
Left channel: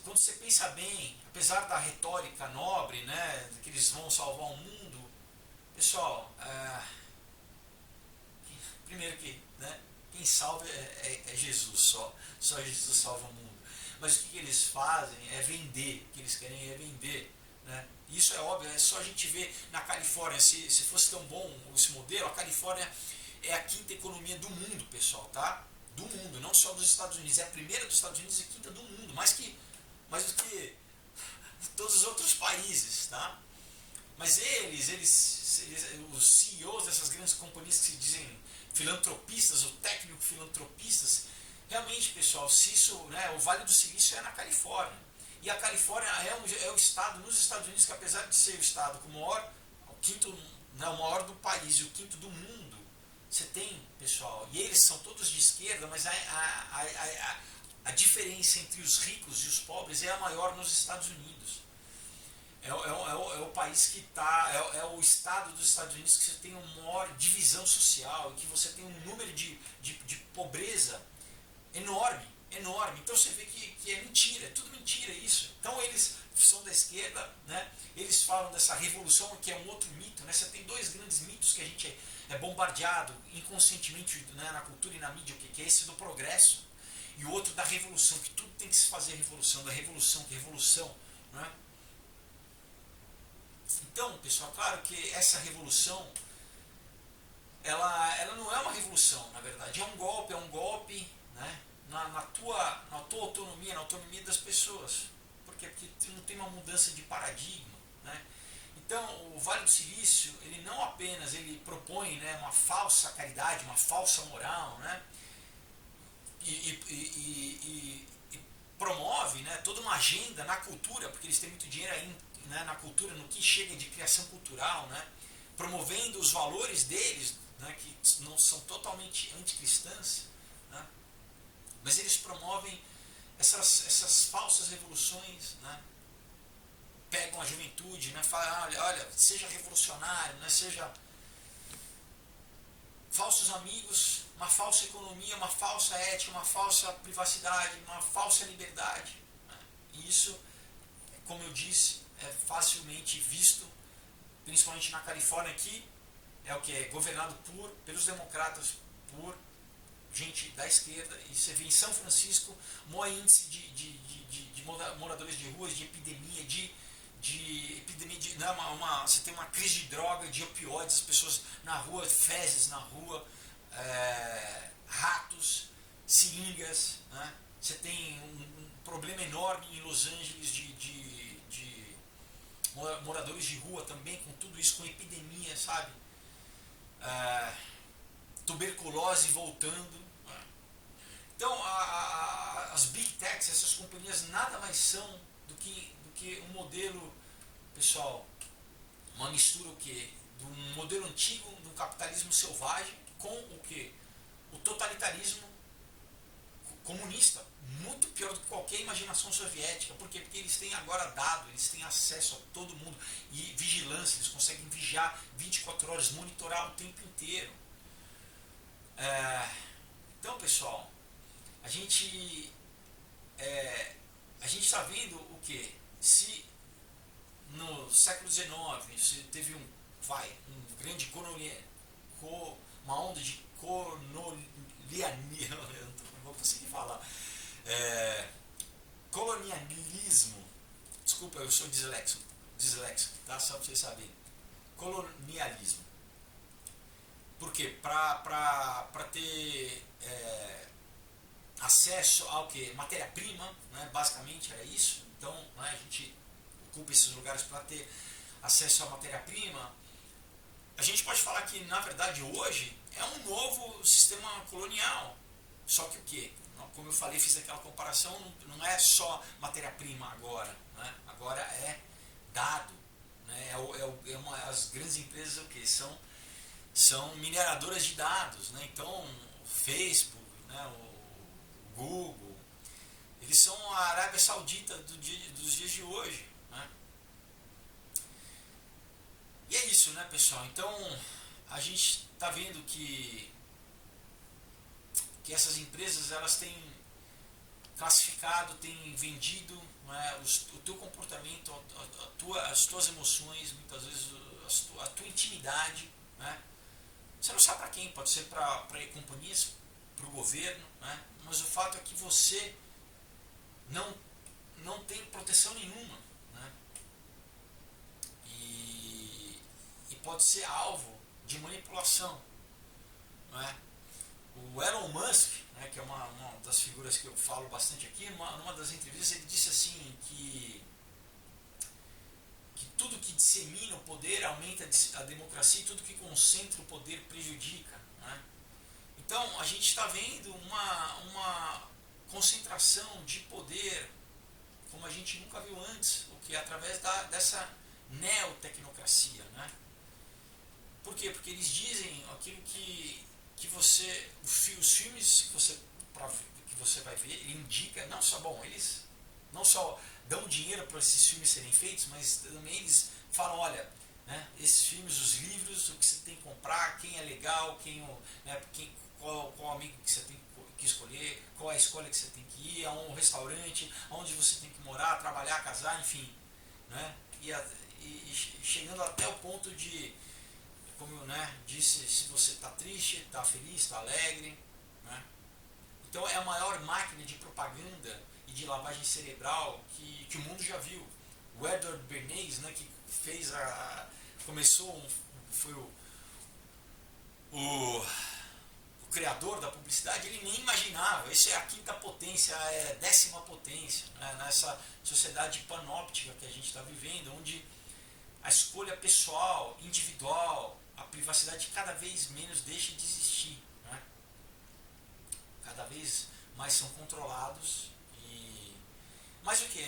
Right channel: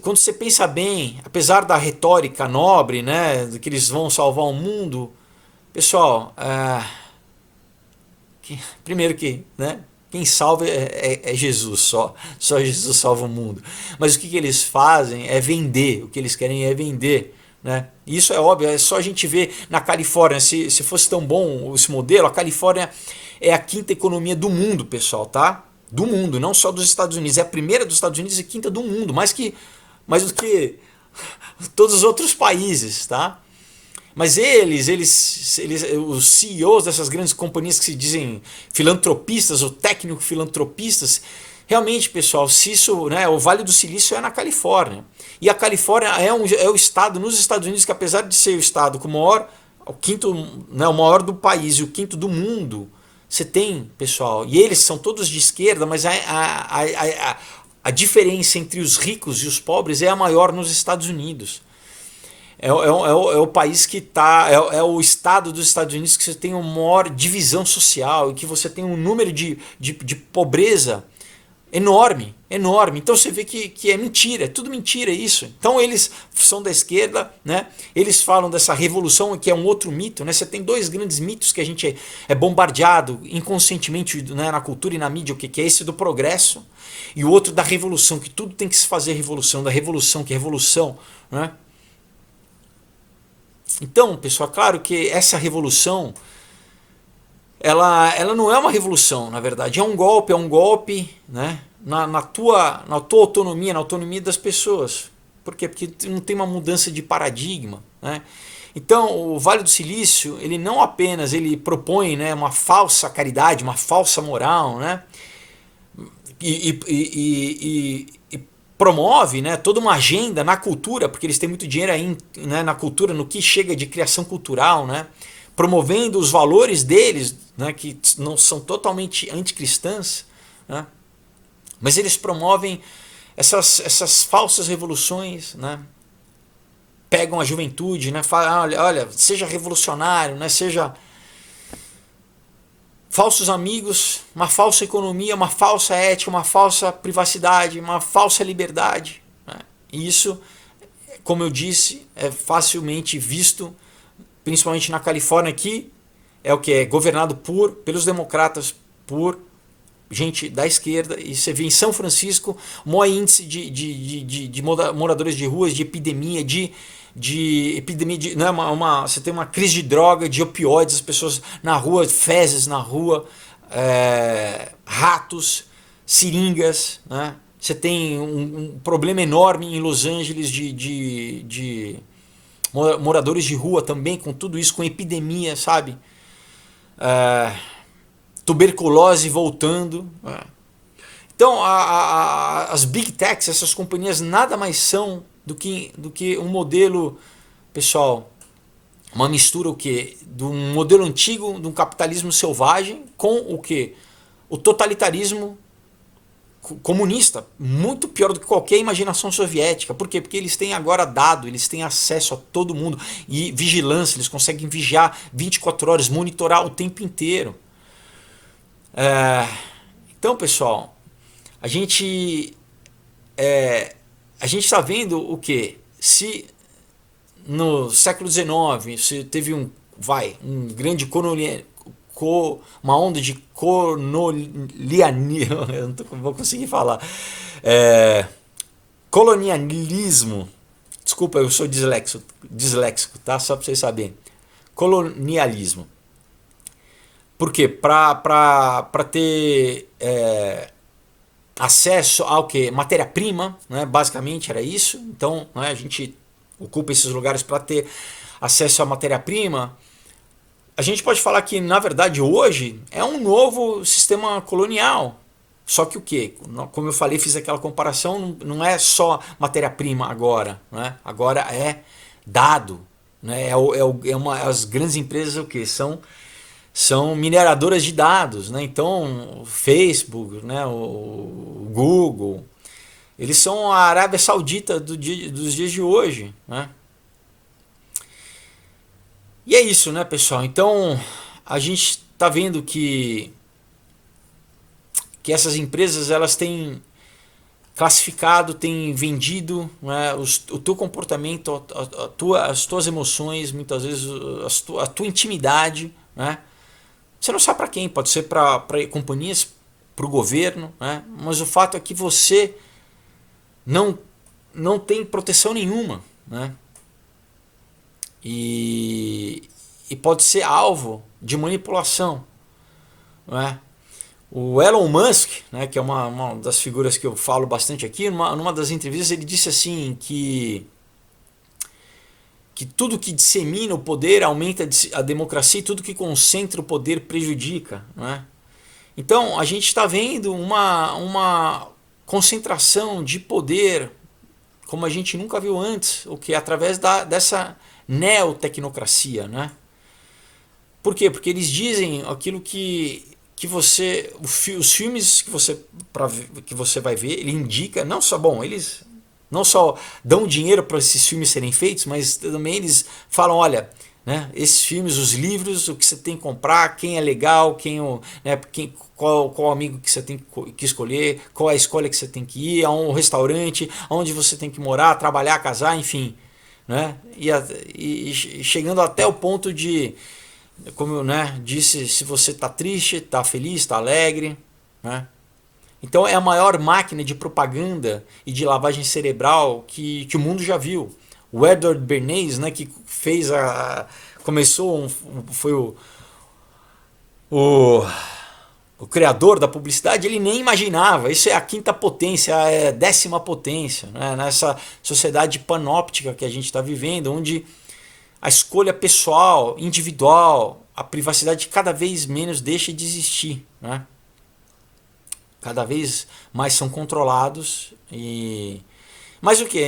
quando você pensa bem, apesar da retórica nobre, né, de que eles vão salvar o mundo, pessoal, primeiro que, né, quem salva é Jesus, só Jesus salva o mundo. Mas o que eles fazem é vender, o que eles querem é vender. Né? Isso é óbvio, é só a gente ver na Califórnia, se fosse tão bom esse modelo, a Califórnia é a quinta economia do mundo, pessoal, tá? Do mundo, não só dos Estados Unidos, é a primeira dos Estados Unidos e quinta do mundo, mais do que todos os outros países, tá? Mas os CEOs dessas grandes companhias que se dizem filantropistas ou técnico-filantropistas, realmente, pessoal, se isso, né, o Vale do Silício é na Califórnia. E a Califórnia é o estado nos Estados Unidos que, apesar de ser o estado com o maior, o quinto, né, o maior do país e o quinto do mundo, você tem, pessoal, e eles são todos de esquerda, mas a diferença entre os ricos e os pobres é a maior nos Estados Unidos. É o país que está. É o estado dos Estados Unidos que você tem uma maior divisão social e que você tem um número de pobreza enorme, enorme. Então você vê que é mentira, é tudo mentira isso. Então eles são da esquerda, né? Eles falam dessa revolução que é um outro mito, né? Você tem dois grandes mitos que a gente é bombardeado inconscientemente, né, na cultura e na mídia, que é esse do progresso e o outro da revolução, que tudo tem que se fazer revolução, da revolução, que é revolução, né? Então, pessoal, claro que essa revolução ela não é uma revolução, na verdade, é um golpe, né, na tua autonomia, na autonomia das pessoas. Por quê? Porque não tem uma mudança de paradigma, né? Então, o Vale do Silício, ele não apenas ele propõe, né, uma falsa caridade, uma falsa moral, né, e promove, né, toda uma agenda na cultura, porque eles têm muito dinheiro aí, né, na cultura, no que chega de criação cultural, né, promovendo os valores deles, né, que não são totalmente anticristãs, né, mas eles promovem essas falsas revoluções, né, pegam a juventude, né, falam, olha, seja revolucionário, né, seja falsos amigos, uma falsa economia, uma falsa ética, uma falsa privacidade, uma falsa liberdade, né? E isso, como eu disse, é facilmente visto, principalmente na Califórnia, que é o que é governado pelos democratas, por gente da esquerda, e você vê em São Francisco o maior índice de moradores de ruas, de epidemia, né, você tem uma crise de droga, de opioides, as pessoas na rua, fezes na rua, ratos, seringas, né? Você tem um problema enorme em Los Angeles moradores de rua também, com tudo isso, com epidemia, sabe? Tuberculose voltando. Então, as Big Techs, essas companhias, nada mais são do que um modelo, pessoal, uma mistura o quê? De um modelo antigo, de um capitalismo selvagem, com o quê? O totalitarismo comunista, muito pior do que qualquer imaginação soviética. Por quê? Porque eles têm agora dado, eles têm acesso a todo mundo e vigilância, eles conseguem vigiar 24 horas, monitorar o tempo inteiro. Então, pessoal, a gente está vendo o que? Se no século XIX se teve um grande uma onda de colonialismo, eu não vou conseguir falar, colonialismo, desculpa, eu sou disléxico, tá? Só para vocês saberem, colonialismo. Por quê? Para ter acesso ao que? Matéria-prima, né? Basicamente era isso. Então, né, a gente ocupa esses lugares para ter acesso à matéria-prima. A gente pode falar que, na verdade, hoje é um novo sistema colonial. Só que o quê? Como eu falei, fiz aquela comparação, não é só matéria-prima agora. Né? Agora é dado. Né? As grandes empresas o quê? São mineradoras de dados. Né? Então, o Facebook, né? o Google, eles são a Arábia Saudita dos dias de hoje. Né? E é isso, né, pessoal? Então, a gente está vendo que essas empresas elas têm classificado, têm vendido, né, o teu comportamento, as tuas emoções, muitas vezes a tua intimidade. Né? Você não sabe para quem, pode ser para companhias, para o governo, né? Mas o fato é que você não tem proteção nenhuma. Né? E pode ser alvo de manipulação. Não é? O Elon Musk, né, que é uma das figuras que eu falo bastante aqui, numa das entrevistas ele disse assim que tudo que dissemina o poder aumenta a democracia e tudo que concentra o poder prejudica. Não é? Então a gente está vendo uma concentração de poder como a gente nunca viu antes, o que é através dessa neotecnocracia, né? Por quê? Porque eles dizem aquilo que você, os filmes que você vai ver, ele indica, não só, bom, eles não só dão dinheiro para esses filmes serem feitos, mas também eles falam, olha, né, esses filmes, os livros, o que você tem que comprar, quem é legal, qual amigo que você tem que escolher, qual é a escolha que você tem que ir, a um restaurante, onde você tem que morar, trabalhar, casar, enfim. Né? E chegando até o ponto de, como eu, né, disse, se você está triste, está feliz, está alegre. Né? Então é a maior máquina de propaganda e de lavagem cerebral que o mundo já viu. O Edward Bernays, né, que fez foi o criador da publicidade, ele nem imaginava. Isso é a quinta potência, é a 10ª potência, né? Nessa sociedade panóptica que a gente está vivendo, onde a escolha pessoal, individual, a privacidade cada vez menos deixa de existir. Né? Cada vez mais são controlados. Mas o que?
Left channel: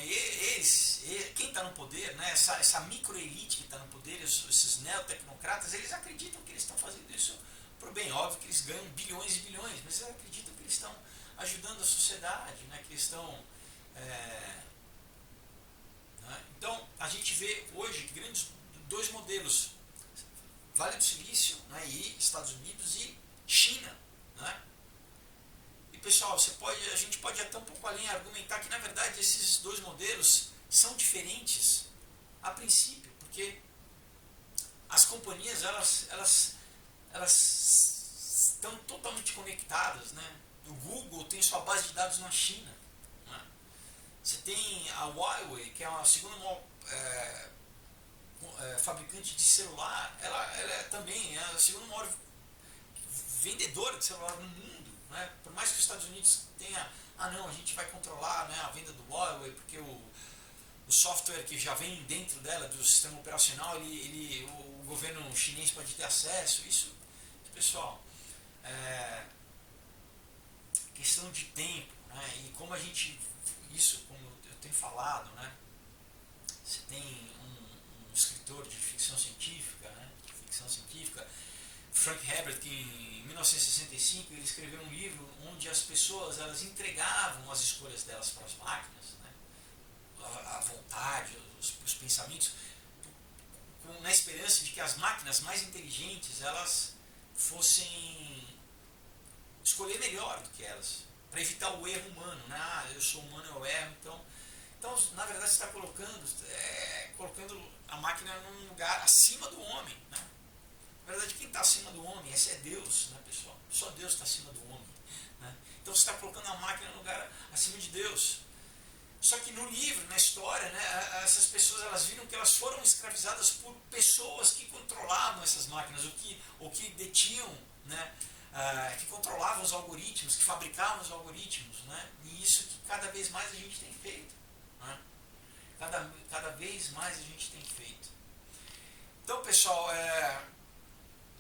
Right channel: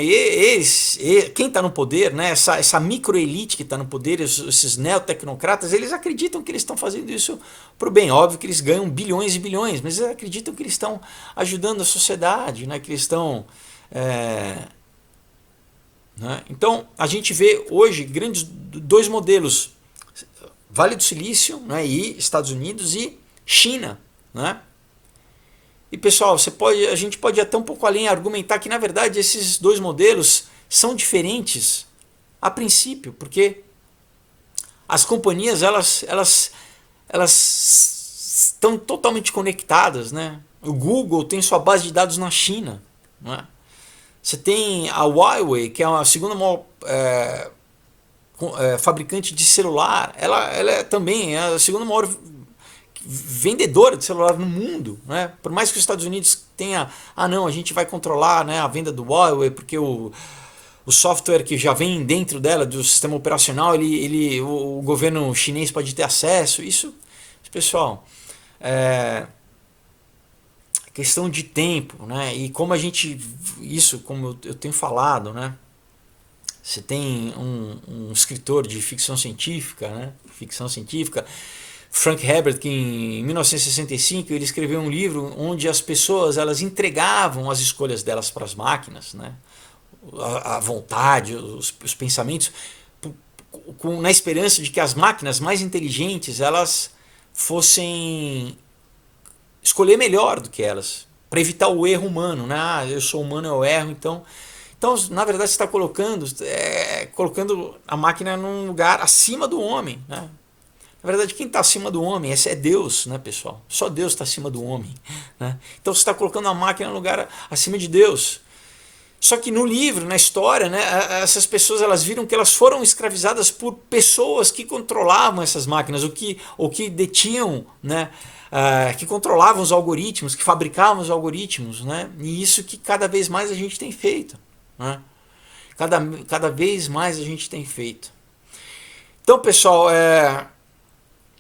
Quem está no poder, né? essa microelite que está no poder, esses neotecnocratas, eles acreditam que eles estão fazendo isso para o bem. Óbvio que eles ganham bilhões e bilhões, mas eles acreditam que eles estão ajudando a sociedade, né? Que eles estão... né? Então, a gente vê hoje dois modelos. Vale do Silício, né? E Estados Unidos e China. Né? E pessoal, a gente pode ir até um pouco além argumentar que na verdade esses dois modelos são diferentes a princípio, porque as companhias elas estão totalmente conectadas. Né? O Google tem sua base de dados na China. Né? Você tem a Huawei, que é a segunda maior fabricante de celular, ela também é a segunda maior vendedora de celular no mundo. Né? Por mais que os Estados Unidos tenha, não, a gente vai controlar, né, a venda do Huawei porque o o software que já vem dentro dela, do sistema operacional, o governo chinês pode ter acesso. Isso, pessoal, é questão de tempo, né? E como a gente, isso, como eu tenho falado, né? Você tem um escritor de ficção científica, né? Ficção científica, Frank Herbert, que em 1965 ele escreveu um livro onde as pessoas elas entregavam as escolhas delas para as máquinas, né? A vontade, os pensamentos, na esperança de que as máquinas mais inteligentes elas fossem escolher melhor do que elas, para evitar o erro humano, né? Ah, eu sou humano, eu erro, então na verdade você está colocando a máquina num lugar acima do homem, né? Na verdade, quem está acima do homem é Deus, né, pessoal? Só Deus está acima do homem, né? Então você está colocando a máquina no lugar acima de Deus. Só que no livro, na história, né, essas pessoas elas viram que elas foram escravizadas por pessoas que controlavam essas máquinas, ou que detinham, né, que controlavam os algoritmos, que fabricavam os algoritmos, né? E isso que cada vez mais a gente tem feito, né? Cada vez mais a gente tem feito. Então, pessoal,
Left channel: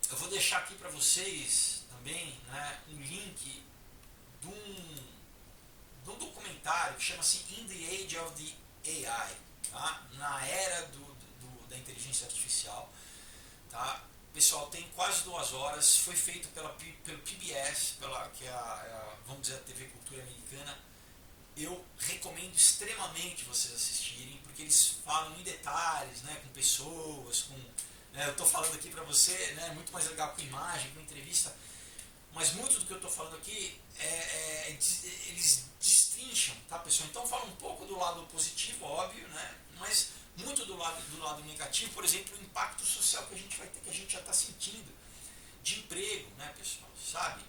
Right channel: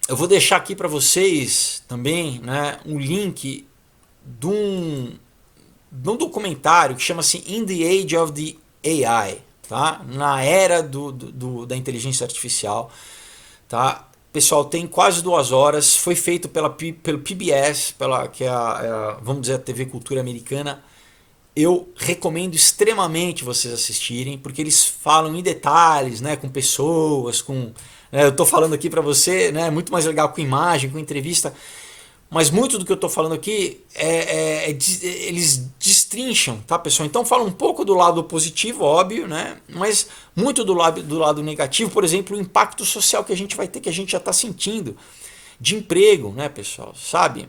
eu vou deixar aqui para vocês também, né, um link de um documentário que chama-se In the Age of the AI, tá? Na era da inteligência artificial, tá? Pessoal, tem quase 2 horas, foi feito pelo PBS, que é vamos dizer, a TV Cultura Americana. Eu recomendo extremamente vocês assistirem, porque eles falam em detalhes, né, com pessoas, eu estou falando aqui para você, né, muito mais legal com imagem, com entrevista, mas muito do que eu estou falando aqui eles destrincham, tá, pessoal? Então fala um pouco do lado positivo, óbvio, né, mas muito do lado negativo, por exemplo, o impacto social que a gente vai ter, que a gente já está sentindo, de emprego, né, pessoal? Sabe?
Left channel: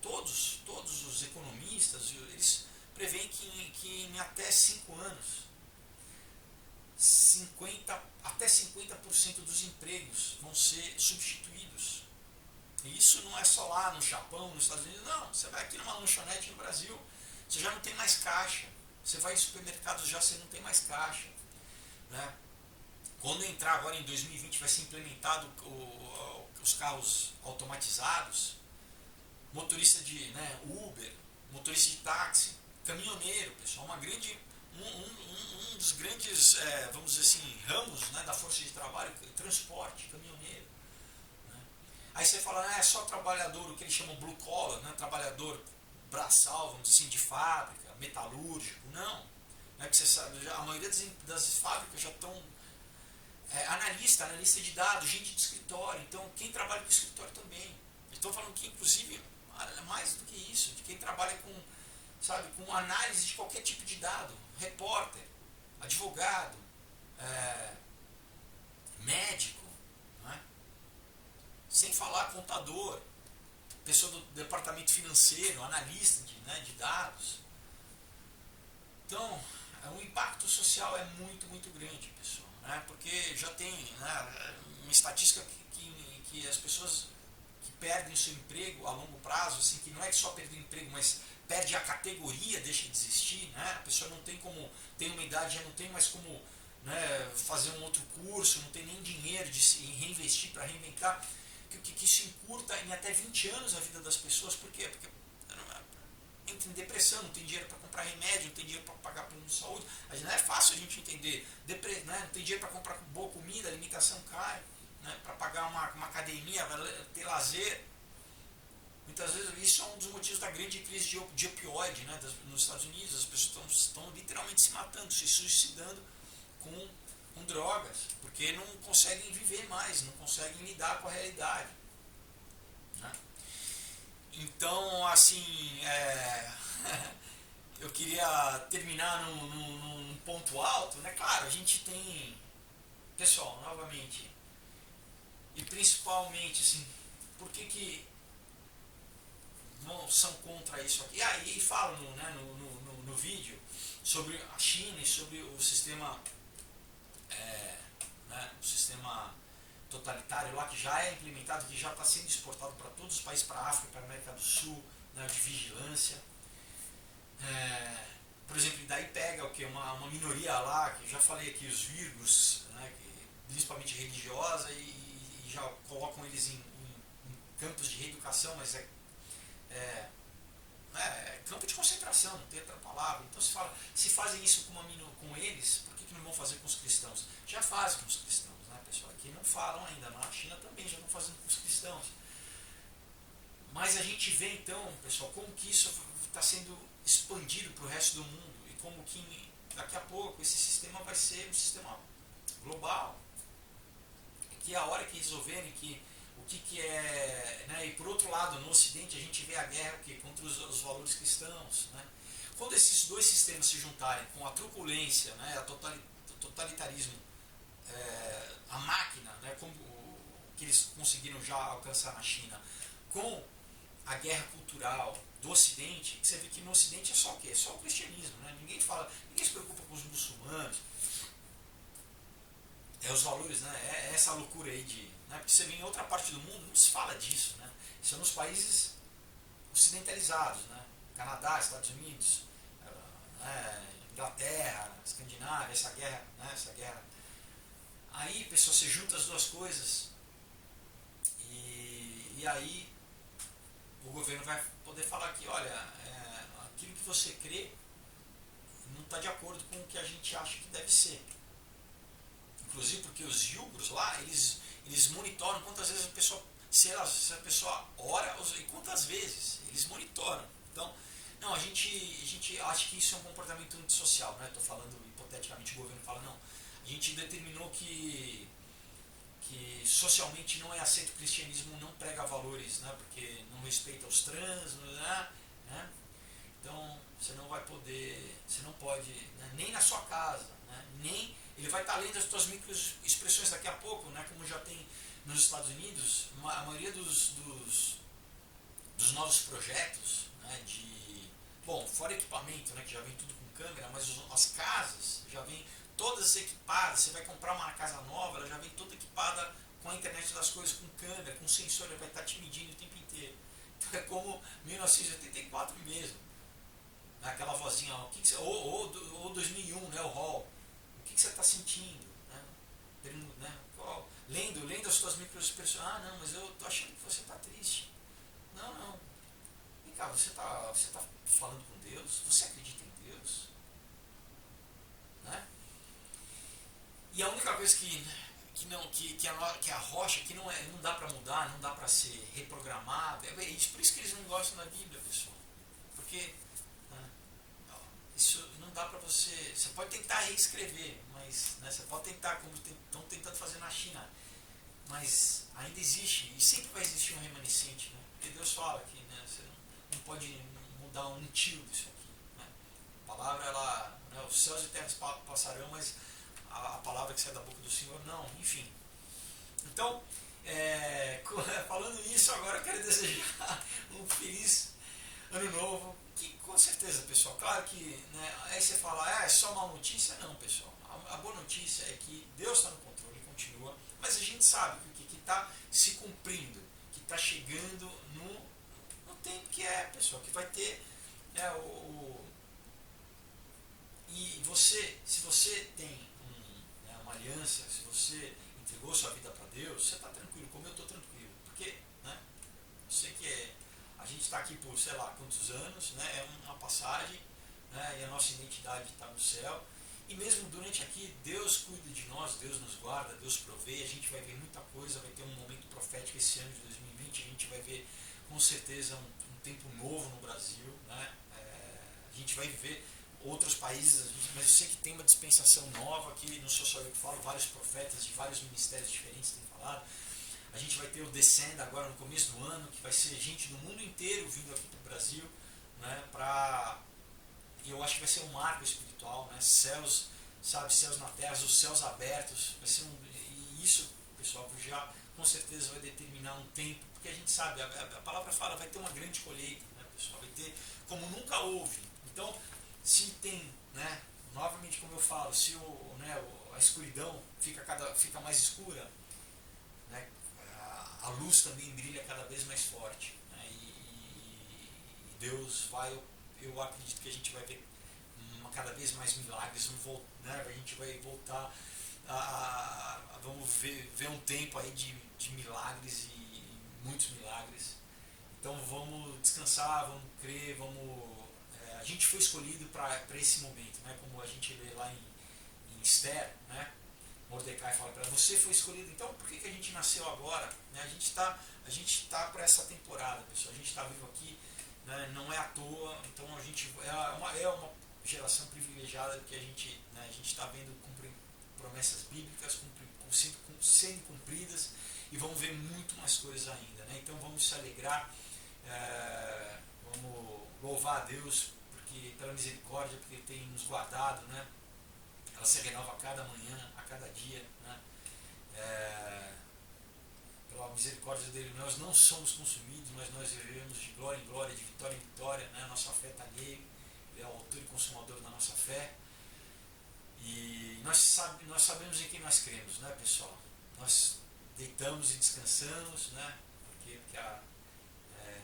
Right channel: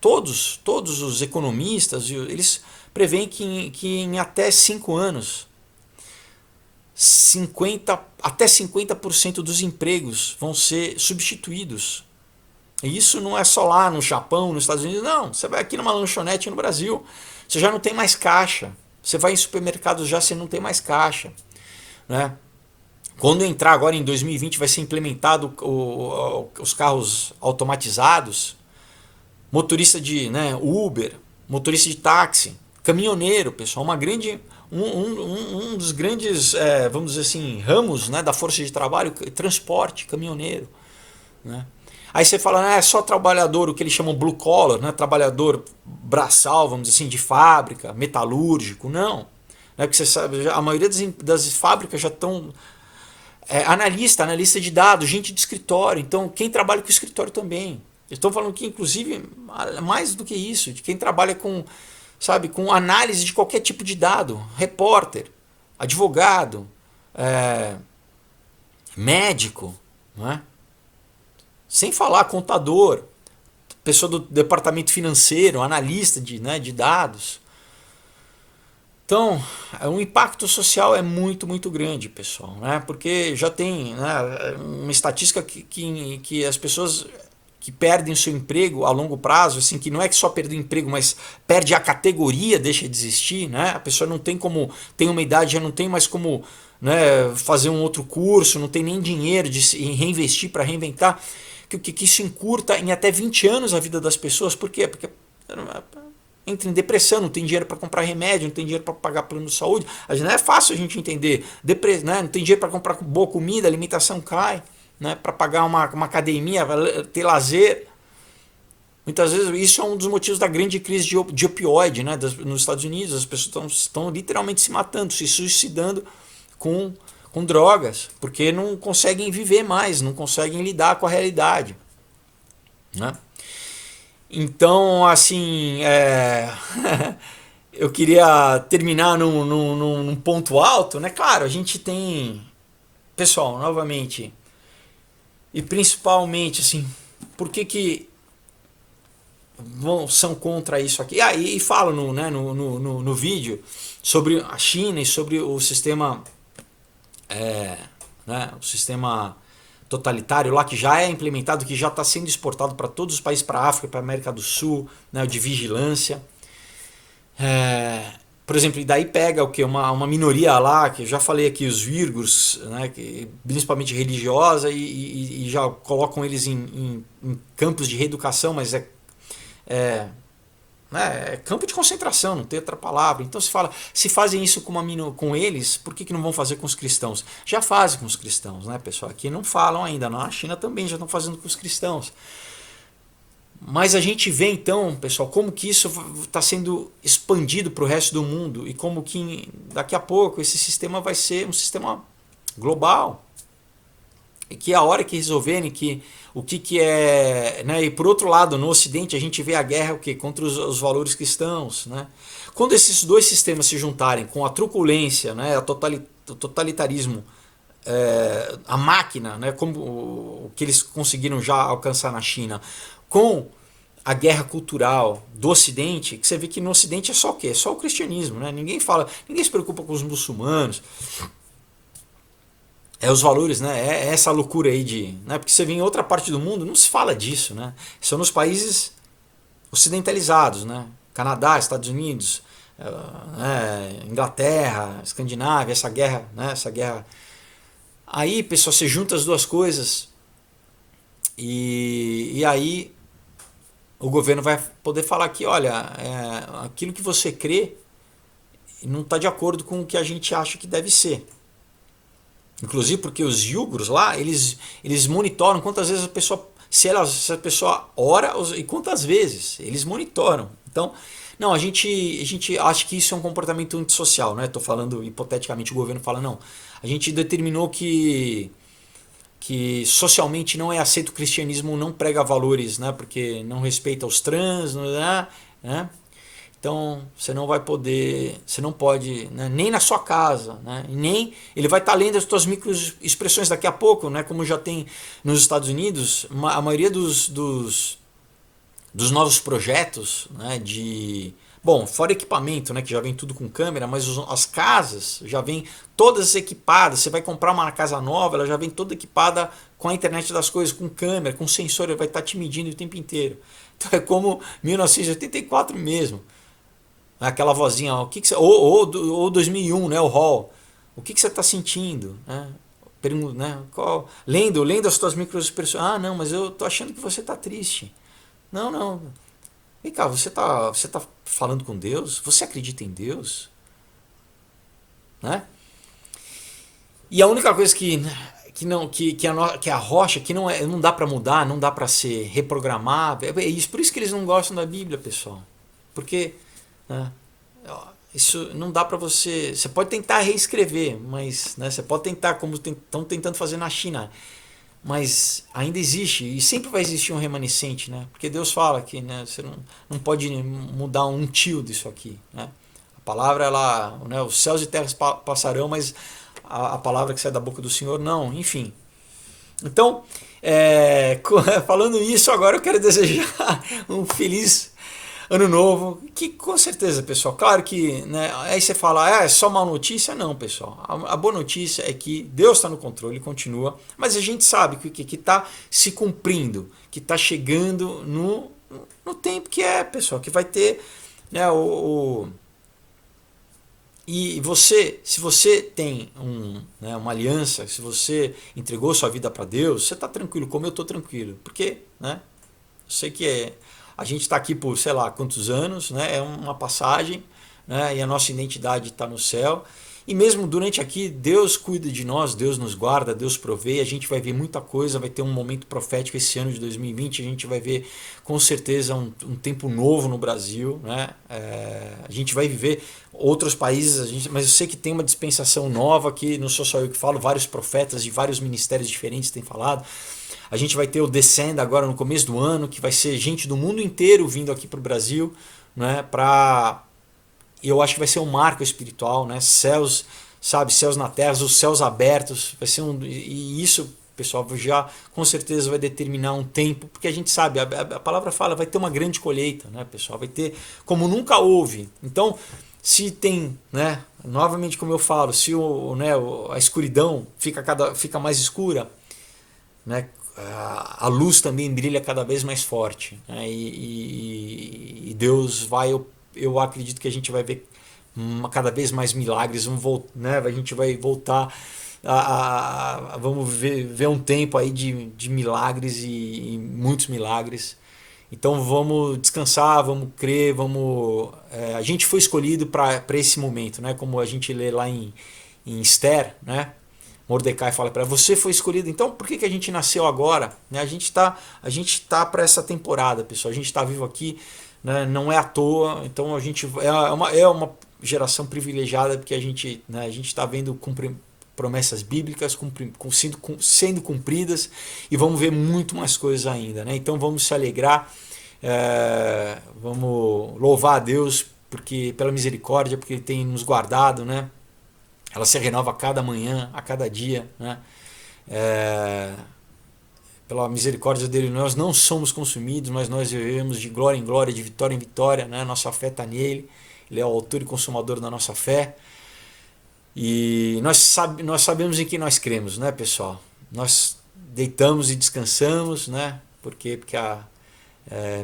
Todos os economistas eles preveem que em até 5 anos até 50% dos empregos vão ser substituídos. E isso não é só lá no Japão, nos Estados Unidos, não. Você vai aqui numa lanchonete no Brasil, você já não tem mais caixa. Você vai em supermercados já, você não tem mais caixa, né? Quando entrar agora em 2020 vai ser implementado os carros automatizados, motorista de, né, Uber, motorista de táxi, caminhoneiro, pessoal, um dos grandes, vamos dizer assim, ramos, né, da força de trabalho, transporte, caminhoneiro, né? Aí você fala, é só trabalhador, o que eles chamam blue collar, né, trabalhador braçal, vamos dizer assim, de fábrica, metalúrgico, não. Né, porque você sabe, a maioria das fábricas já estão analista de dados, gente de escritório, então quem trabalha com escritório também. Estão falando que, inclusive, mais do que isso, de quem trabalha com, sabe, com análise de qualquer tipo de dado, repórter, advogado, médico, não é? Sem falar contador, pessoa do departamento financeiro, analista de dados. Então, o impacto social é muito, muito grande, pessoal, né? Porque já tem, né, uma estatística que as pessoas que perdem o seu emprego a longo prazo, assim, que não é que só perde o emprego, mas perde a categoria, deixa de existir, né? A pessoa não tem como, tem uma idade, já não tem mais como, né, fazer um outro curso, não tem nem dinheiro de reinvestir para reinventar, que isso encurta em até 20 anos a vida das pessoas. Por quê? Porque entra em depressão, não tem dinheiro para comprar remédio, não tem dinheiro para pagar plano de saúde. Não é fácil a gente entender. Né? Não tem dinheiro para comprar boa comida, a alimentação cai, né? Para pagar uma academia, ter lazer. Muitas vezes isso é um dos motivos da grande crise de opioide, né? Nos Estados Unidos. As pessoas estão literalmente se matando, se suicidando com drogas, porque não conseguem viver mais, não conseguem lidar com a realidade, né? Então, assim, eu queria terminar num ponto alto, né? Claro, a gente tem, pessoal, novamente, e principalmente, assim, por que são contra isso aqui? E falo no vídeo sobre a China e sobre o sistema, né, o sistema totalitário lá que já é implementado, que já está sendo exportado para todos os países, para a África, para a América do Sul, né, de vigilância. por exemplo, e daí pega o que? Uma minoria lá, que eu já falei aqui, os uigurs, né, que, principalmente religiosa, e já colocam eles em campos de reeducação, mas é, né, é campo de concentração, não tem outra palavra. Então se fala, se fazem isso com eles, por que não vão fazer com os cristãos? Já fazem com os cristãos, né, pessoal? Aqui não falam ainda, na China também já estão fazendo com os cristãos. Mas a gente vê então, pessoal, como que isso está sendo expandido para o resto do mundo e como que daqui a pouco esse sistema vai ser um sistema global. E que a hora que resolverem que o que é. Né, e por outro lado, no Ocidente a gente vê a guerra o quê? Contra os valores cristãos. Né? Quando esses dois sistemas se juntarem com a truculência, né, o totalitarismo, a máquina, né, como o que eles conseguiram já alcançar na China, com a guerra cultural do Ocidente, que você vê que no Ocidente é só o quê? É só o cristianismo, né? Ninguém fala, ninguém se preocupa com os muçulmanos. É os valores, né? É essa loucura aí de, né? Porque você vê em outra parte do mundo, não se fala disso, né? São nos países ocidentalizados, né? Canadá, Estados Unidos, Inglaterra, Escandinávia, essa guerra, né? Essa guerra. Aí, pessoal, você junta as duas coisas e aí o governo vai poder falar que, olha, aquilo que você crê não está de acordo com o que a gente acha que deve ser. Inclusive porque os iugros lá, eles monitoram quantas vezes a pessoa, se a pessoa ora e quantas vezes, eles monitoram. Então, não, a gente acha que isso é um comportamento antissocial, né? Estou falando hipoteticamente, o governo fala, não, a gente determinou que socialmente não é aceito o cristianismo, não prega valores, né? Porque não respeita os trans, né? Então você não vai poder, você não pode, né? Nem na sua casa, né? Nem ele vai estar lendo as suas microexpressões daqui a pouco, né? Como já tem nos Estados Unidos, a maioria dos novos projetos, né? Bom, fora equipamento, né? Que já vem tudo com câmera, mas as casas já vêm todas equipadas. Você vai comprar uma casa nova, ela já vem toda equipada com a internet das coisas, com câmera, com sensor, ele vai estar te medindo o tempo inteiro. Então é como 1984 mesmo. Aquela vozinha, o que você, ou 2001, né, o Hall. O que você está sentindo? Né? Né, lendo as suas microexpressões. Ah, não, mas eu tô achando que você está triste. Não, não. Vem cá, você tá falando com Deus? Você acredita em Deus? Né? E a única coisa que a rocha que não dá para mudar, não dá para ser reprogramar, é isso, por isso que eles não gostam da Bíblia, pessoal. Porque, né, isso não dá para você pode tentar reescrever, mas, né, você pode tentar como estão tentando fazer na China, mas ainda existe e sempre vai existir um remanescente, né? Porque Deus fala que, né, você não pode mudar um tio disso aqui, né? A palavra, ela, né, os céus e terras passarão, mas a palavra que sai da boca do Senhor não, enfim. Então, falando isso, agora eu quero desejar um feliz ano novo, que com certeza, pessoal, claro que, né, aí você fala, é só má notícia? Não, pessoal, a boa notícia é que Deus está no controle, continua, mas a gente sabe que está se cumprindo, que está chegando no tempo que pessoal, que vai ter, né, e você, se você tem né, uma aliança, se você entregou sua vida para Deus, você está tranquilo, como eu estou tranquilo. Porque, né, eu sei que a gente está aqui por sei lá quantos anos, né, é uma passagem, né, e a nossa identidade está no céu. E mesmo durante aqui, Deus cuida de nós, Deus nos guarda, Deus provê, a gente vai ver muita coisa, vai ter um momento profético esse ano de 2020, a gente vai ver com certeza um tempo novo no Brasil, né? A gente vai viver outros países, mas eu sei que tem uma dispensação nova que não sou só eu que falo, vários profetas de vários ministérios diferentes têm falado. A gente vai ter o Descend agora no começo do ano, que vai ser gente do mundo inteiro vindo aqui para o Brasil, né? Eu acho que vai ser um marco espiritual, né? Céus, sabe, céus na terra, os céus abertos, vai ser e isso, pessoal, já com certeza vai determinar um tempo, porque a gente sabe, a palavra fala, vai ter uma grande colheita, né, pessoal? Vai ter como nunca houve. Então, se tem, né, novamente como eu falo, se a escuridão fica mais escura, né, a luz também brilha cada vez mais forte, né, e Deus vai, eu acredito que a gente vai ver cada vez mais milagres, né? A gente vai voltar vamos ver um tempo aí de milagres e muitos milagres. Então vamos descansar, vamos crer, a gente foi escolhido para esse momento, né? Como a gente lê lá em Esther, né? Mordecai fala para ela, você foi escolhido, então por que a gente nasceu agora? Né? A gente tá para essa temporada, pessoal. A gente está vivo aqui, né? Não é à toa. Então a gente é uma geração privilegiada porque né, a gente está vendo promessas bíblicas sendo cumpridas e vamos ver muito mais coisas ainda, né? Então vamos se alegrar, vamos louvar a Deus porque pela misericórdia, porque Ele tem nos guardado, né? Ela se renova a cada manhã, a cada dia, né? Pela misericórdia dele nós não somos consumidos, mas nós vivemos de glória em glória, de vitória em vitória, né? Nossa fé está nele, Ele é o autor e consumador da nossa fé. E nós sabemos em que nós cremos, né, pessoal? Nós deitamos e descansamos, né? Porque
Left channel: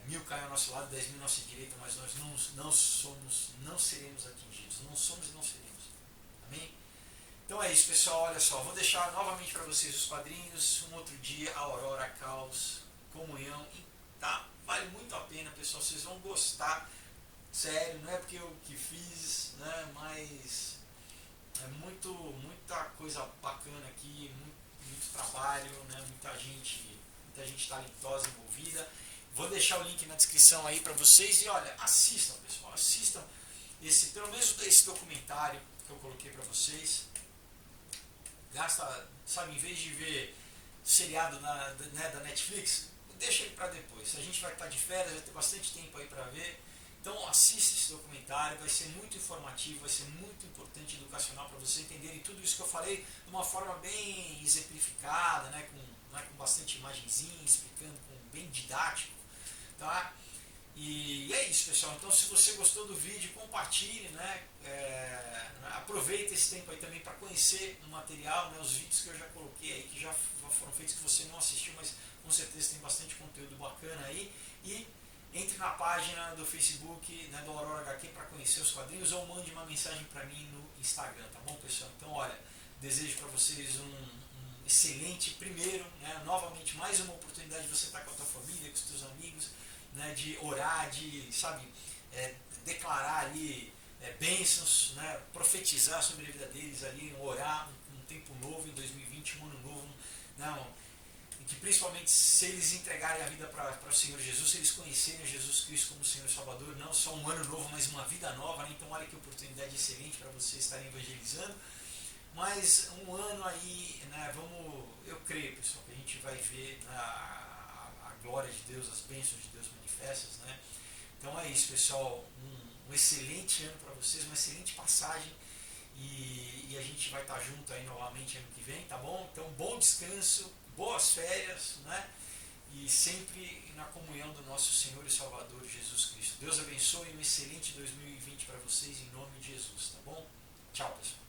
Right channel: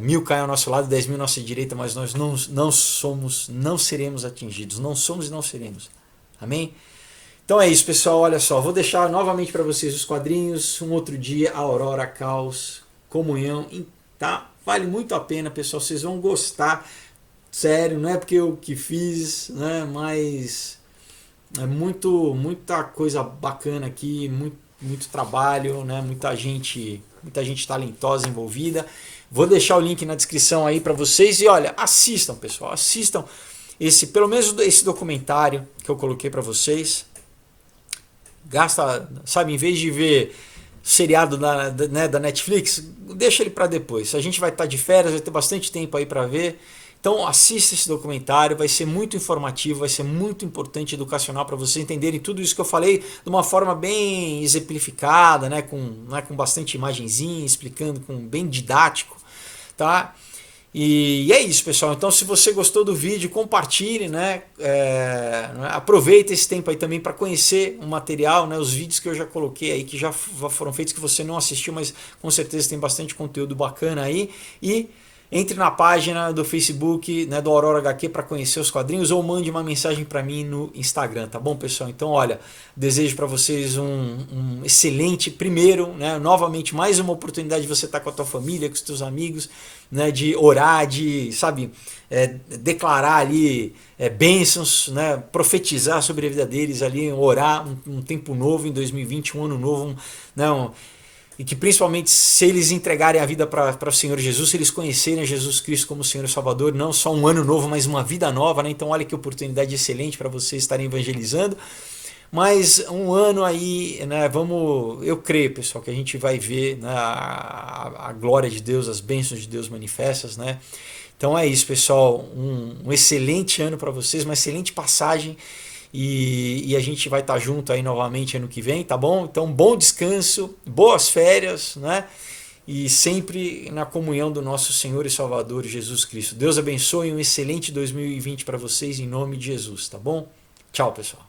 1000 caem ao nosso lado, 10.000 à nossa direita, mas nós não seremos atingidos. Não somos e não seremos. Amém? Então é isso, pessoal. Olha só, vou deixar novamente para vocês os quadrinhos. Um outro dia, Aurora, Caos, Comunhão, tá? Vale muito a pena, pessoal. Vocês vão gostar. Sério, não é porque eu que fiz, né? Mas é muita coisa bacana aqui, muito trabalho, né? Muita gente talentosa envolvida. Vou deixar o link na descrição aí para vocês e olha, assistam, pessoal, assistam pelo menos esse documentário que eu coloquei para vocês. Gasta, sabe, em vez de ver seriado da Netflix, deixa ele para depois. A gente vai estar de férias, vai ter bastante tempo aí para ver. Então assista esse documentário, vai ser muito informativo, vai ser muito importante, educacional para vocês entenderem tudo isso que eu falei de uma forma bem exemplificada, né, com bastante imagenzinha, explicando, bem didático, tá? E é isso, pessoal. Então, se você gostou do vídeo, compartilhe, né? Aproveita esse tempo aí também para conhecer o material, né? Os vídeos que eu já coloquei aí, que já foram feitos, que você não assistiu, mas com certeza tem bastante conteúdo bacana aí. E entre na página do Facebook, né, do Aurora HQ para conhecer os quadrinhos ou mande uma mensagem para mim no Instagram, tá bom, pessoal? Então, olha, desejo para vocês um excelente primeiro, né, novamente mais uma oportunidade de você estar com a tua família, com os teus amigos, né, de orar, de, sabe, declarar ali bênçãos, né, profetizar sobre a vida deles ali, orar um tempo novo em 2020, um ano novo, e que principalmente se eles entregarem a vida para o Senhor Jesus, se eles conhecerem Jesus Cristo como Senhor e Salvador, não só um ano novo, mas uma vida nova, né? Então olha que oportunidade excelente para vocês estarem evangelizando. Mas um ano aí, né? Eu creio, pessoal, que a gente vai ver, né, a glória de Deus, as bênçãos de Deus manifestas, né? Então é isso, pessoal. Um excelente ano para vocês, uma excelente passagem. E a gente vai estar junto aí novamente ano que vem, tá bom? Então, bom descanso, boas férias, né? E sempre na comunhão do nosso Senhor e Salvador Jesus Cristo. Deus abençoe, um excelente 2020 para vocês em nome de Jesus, tá bom? Tchau, pessoal.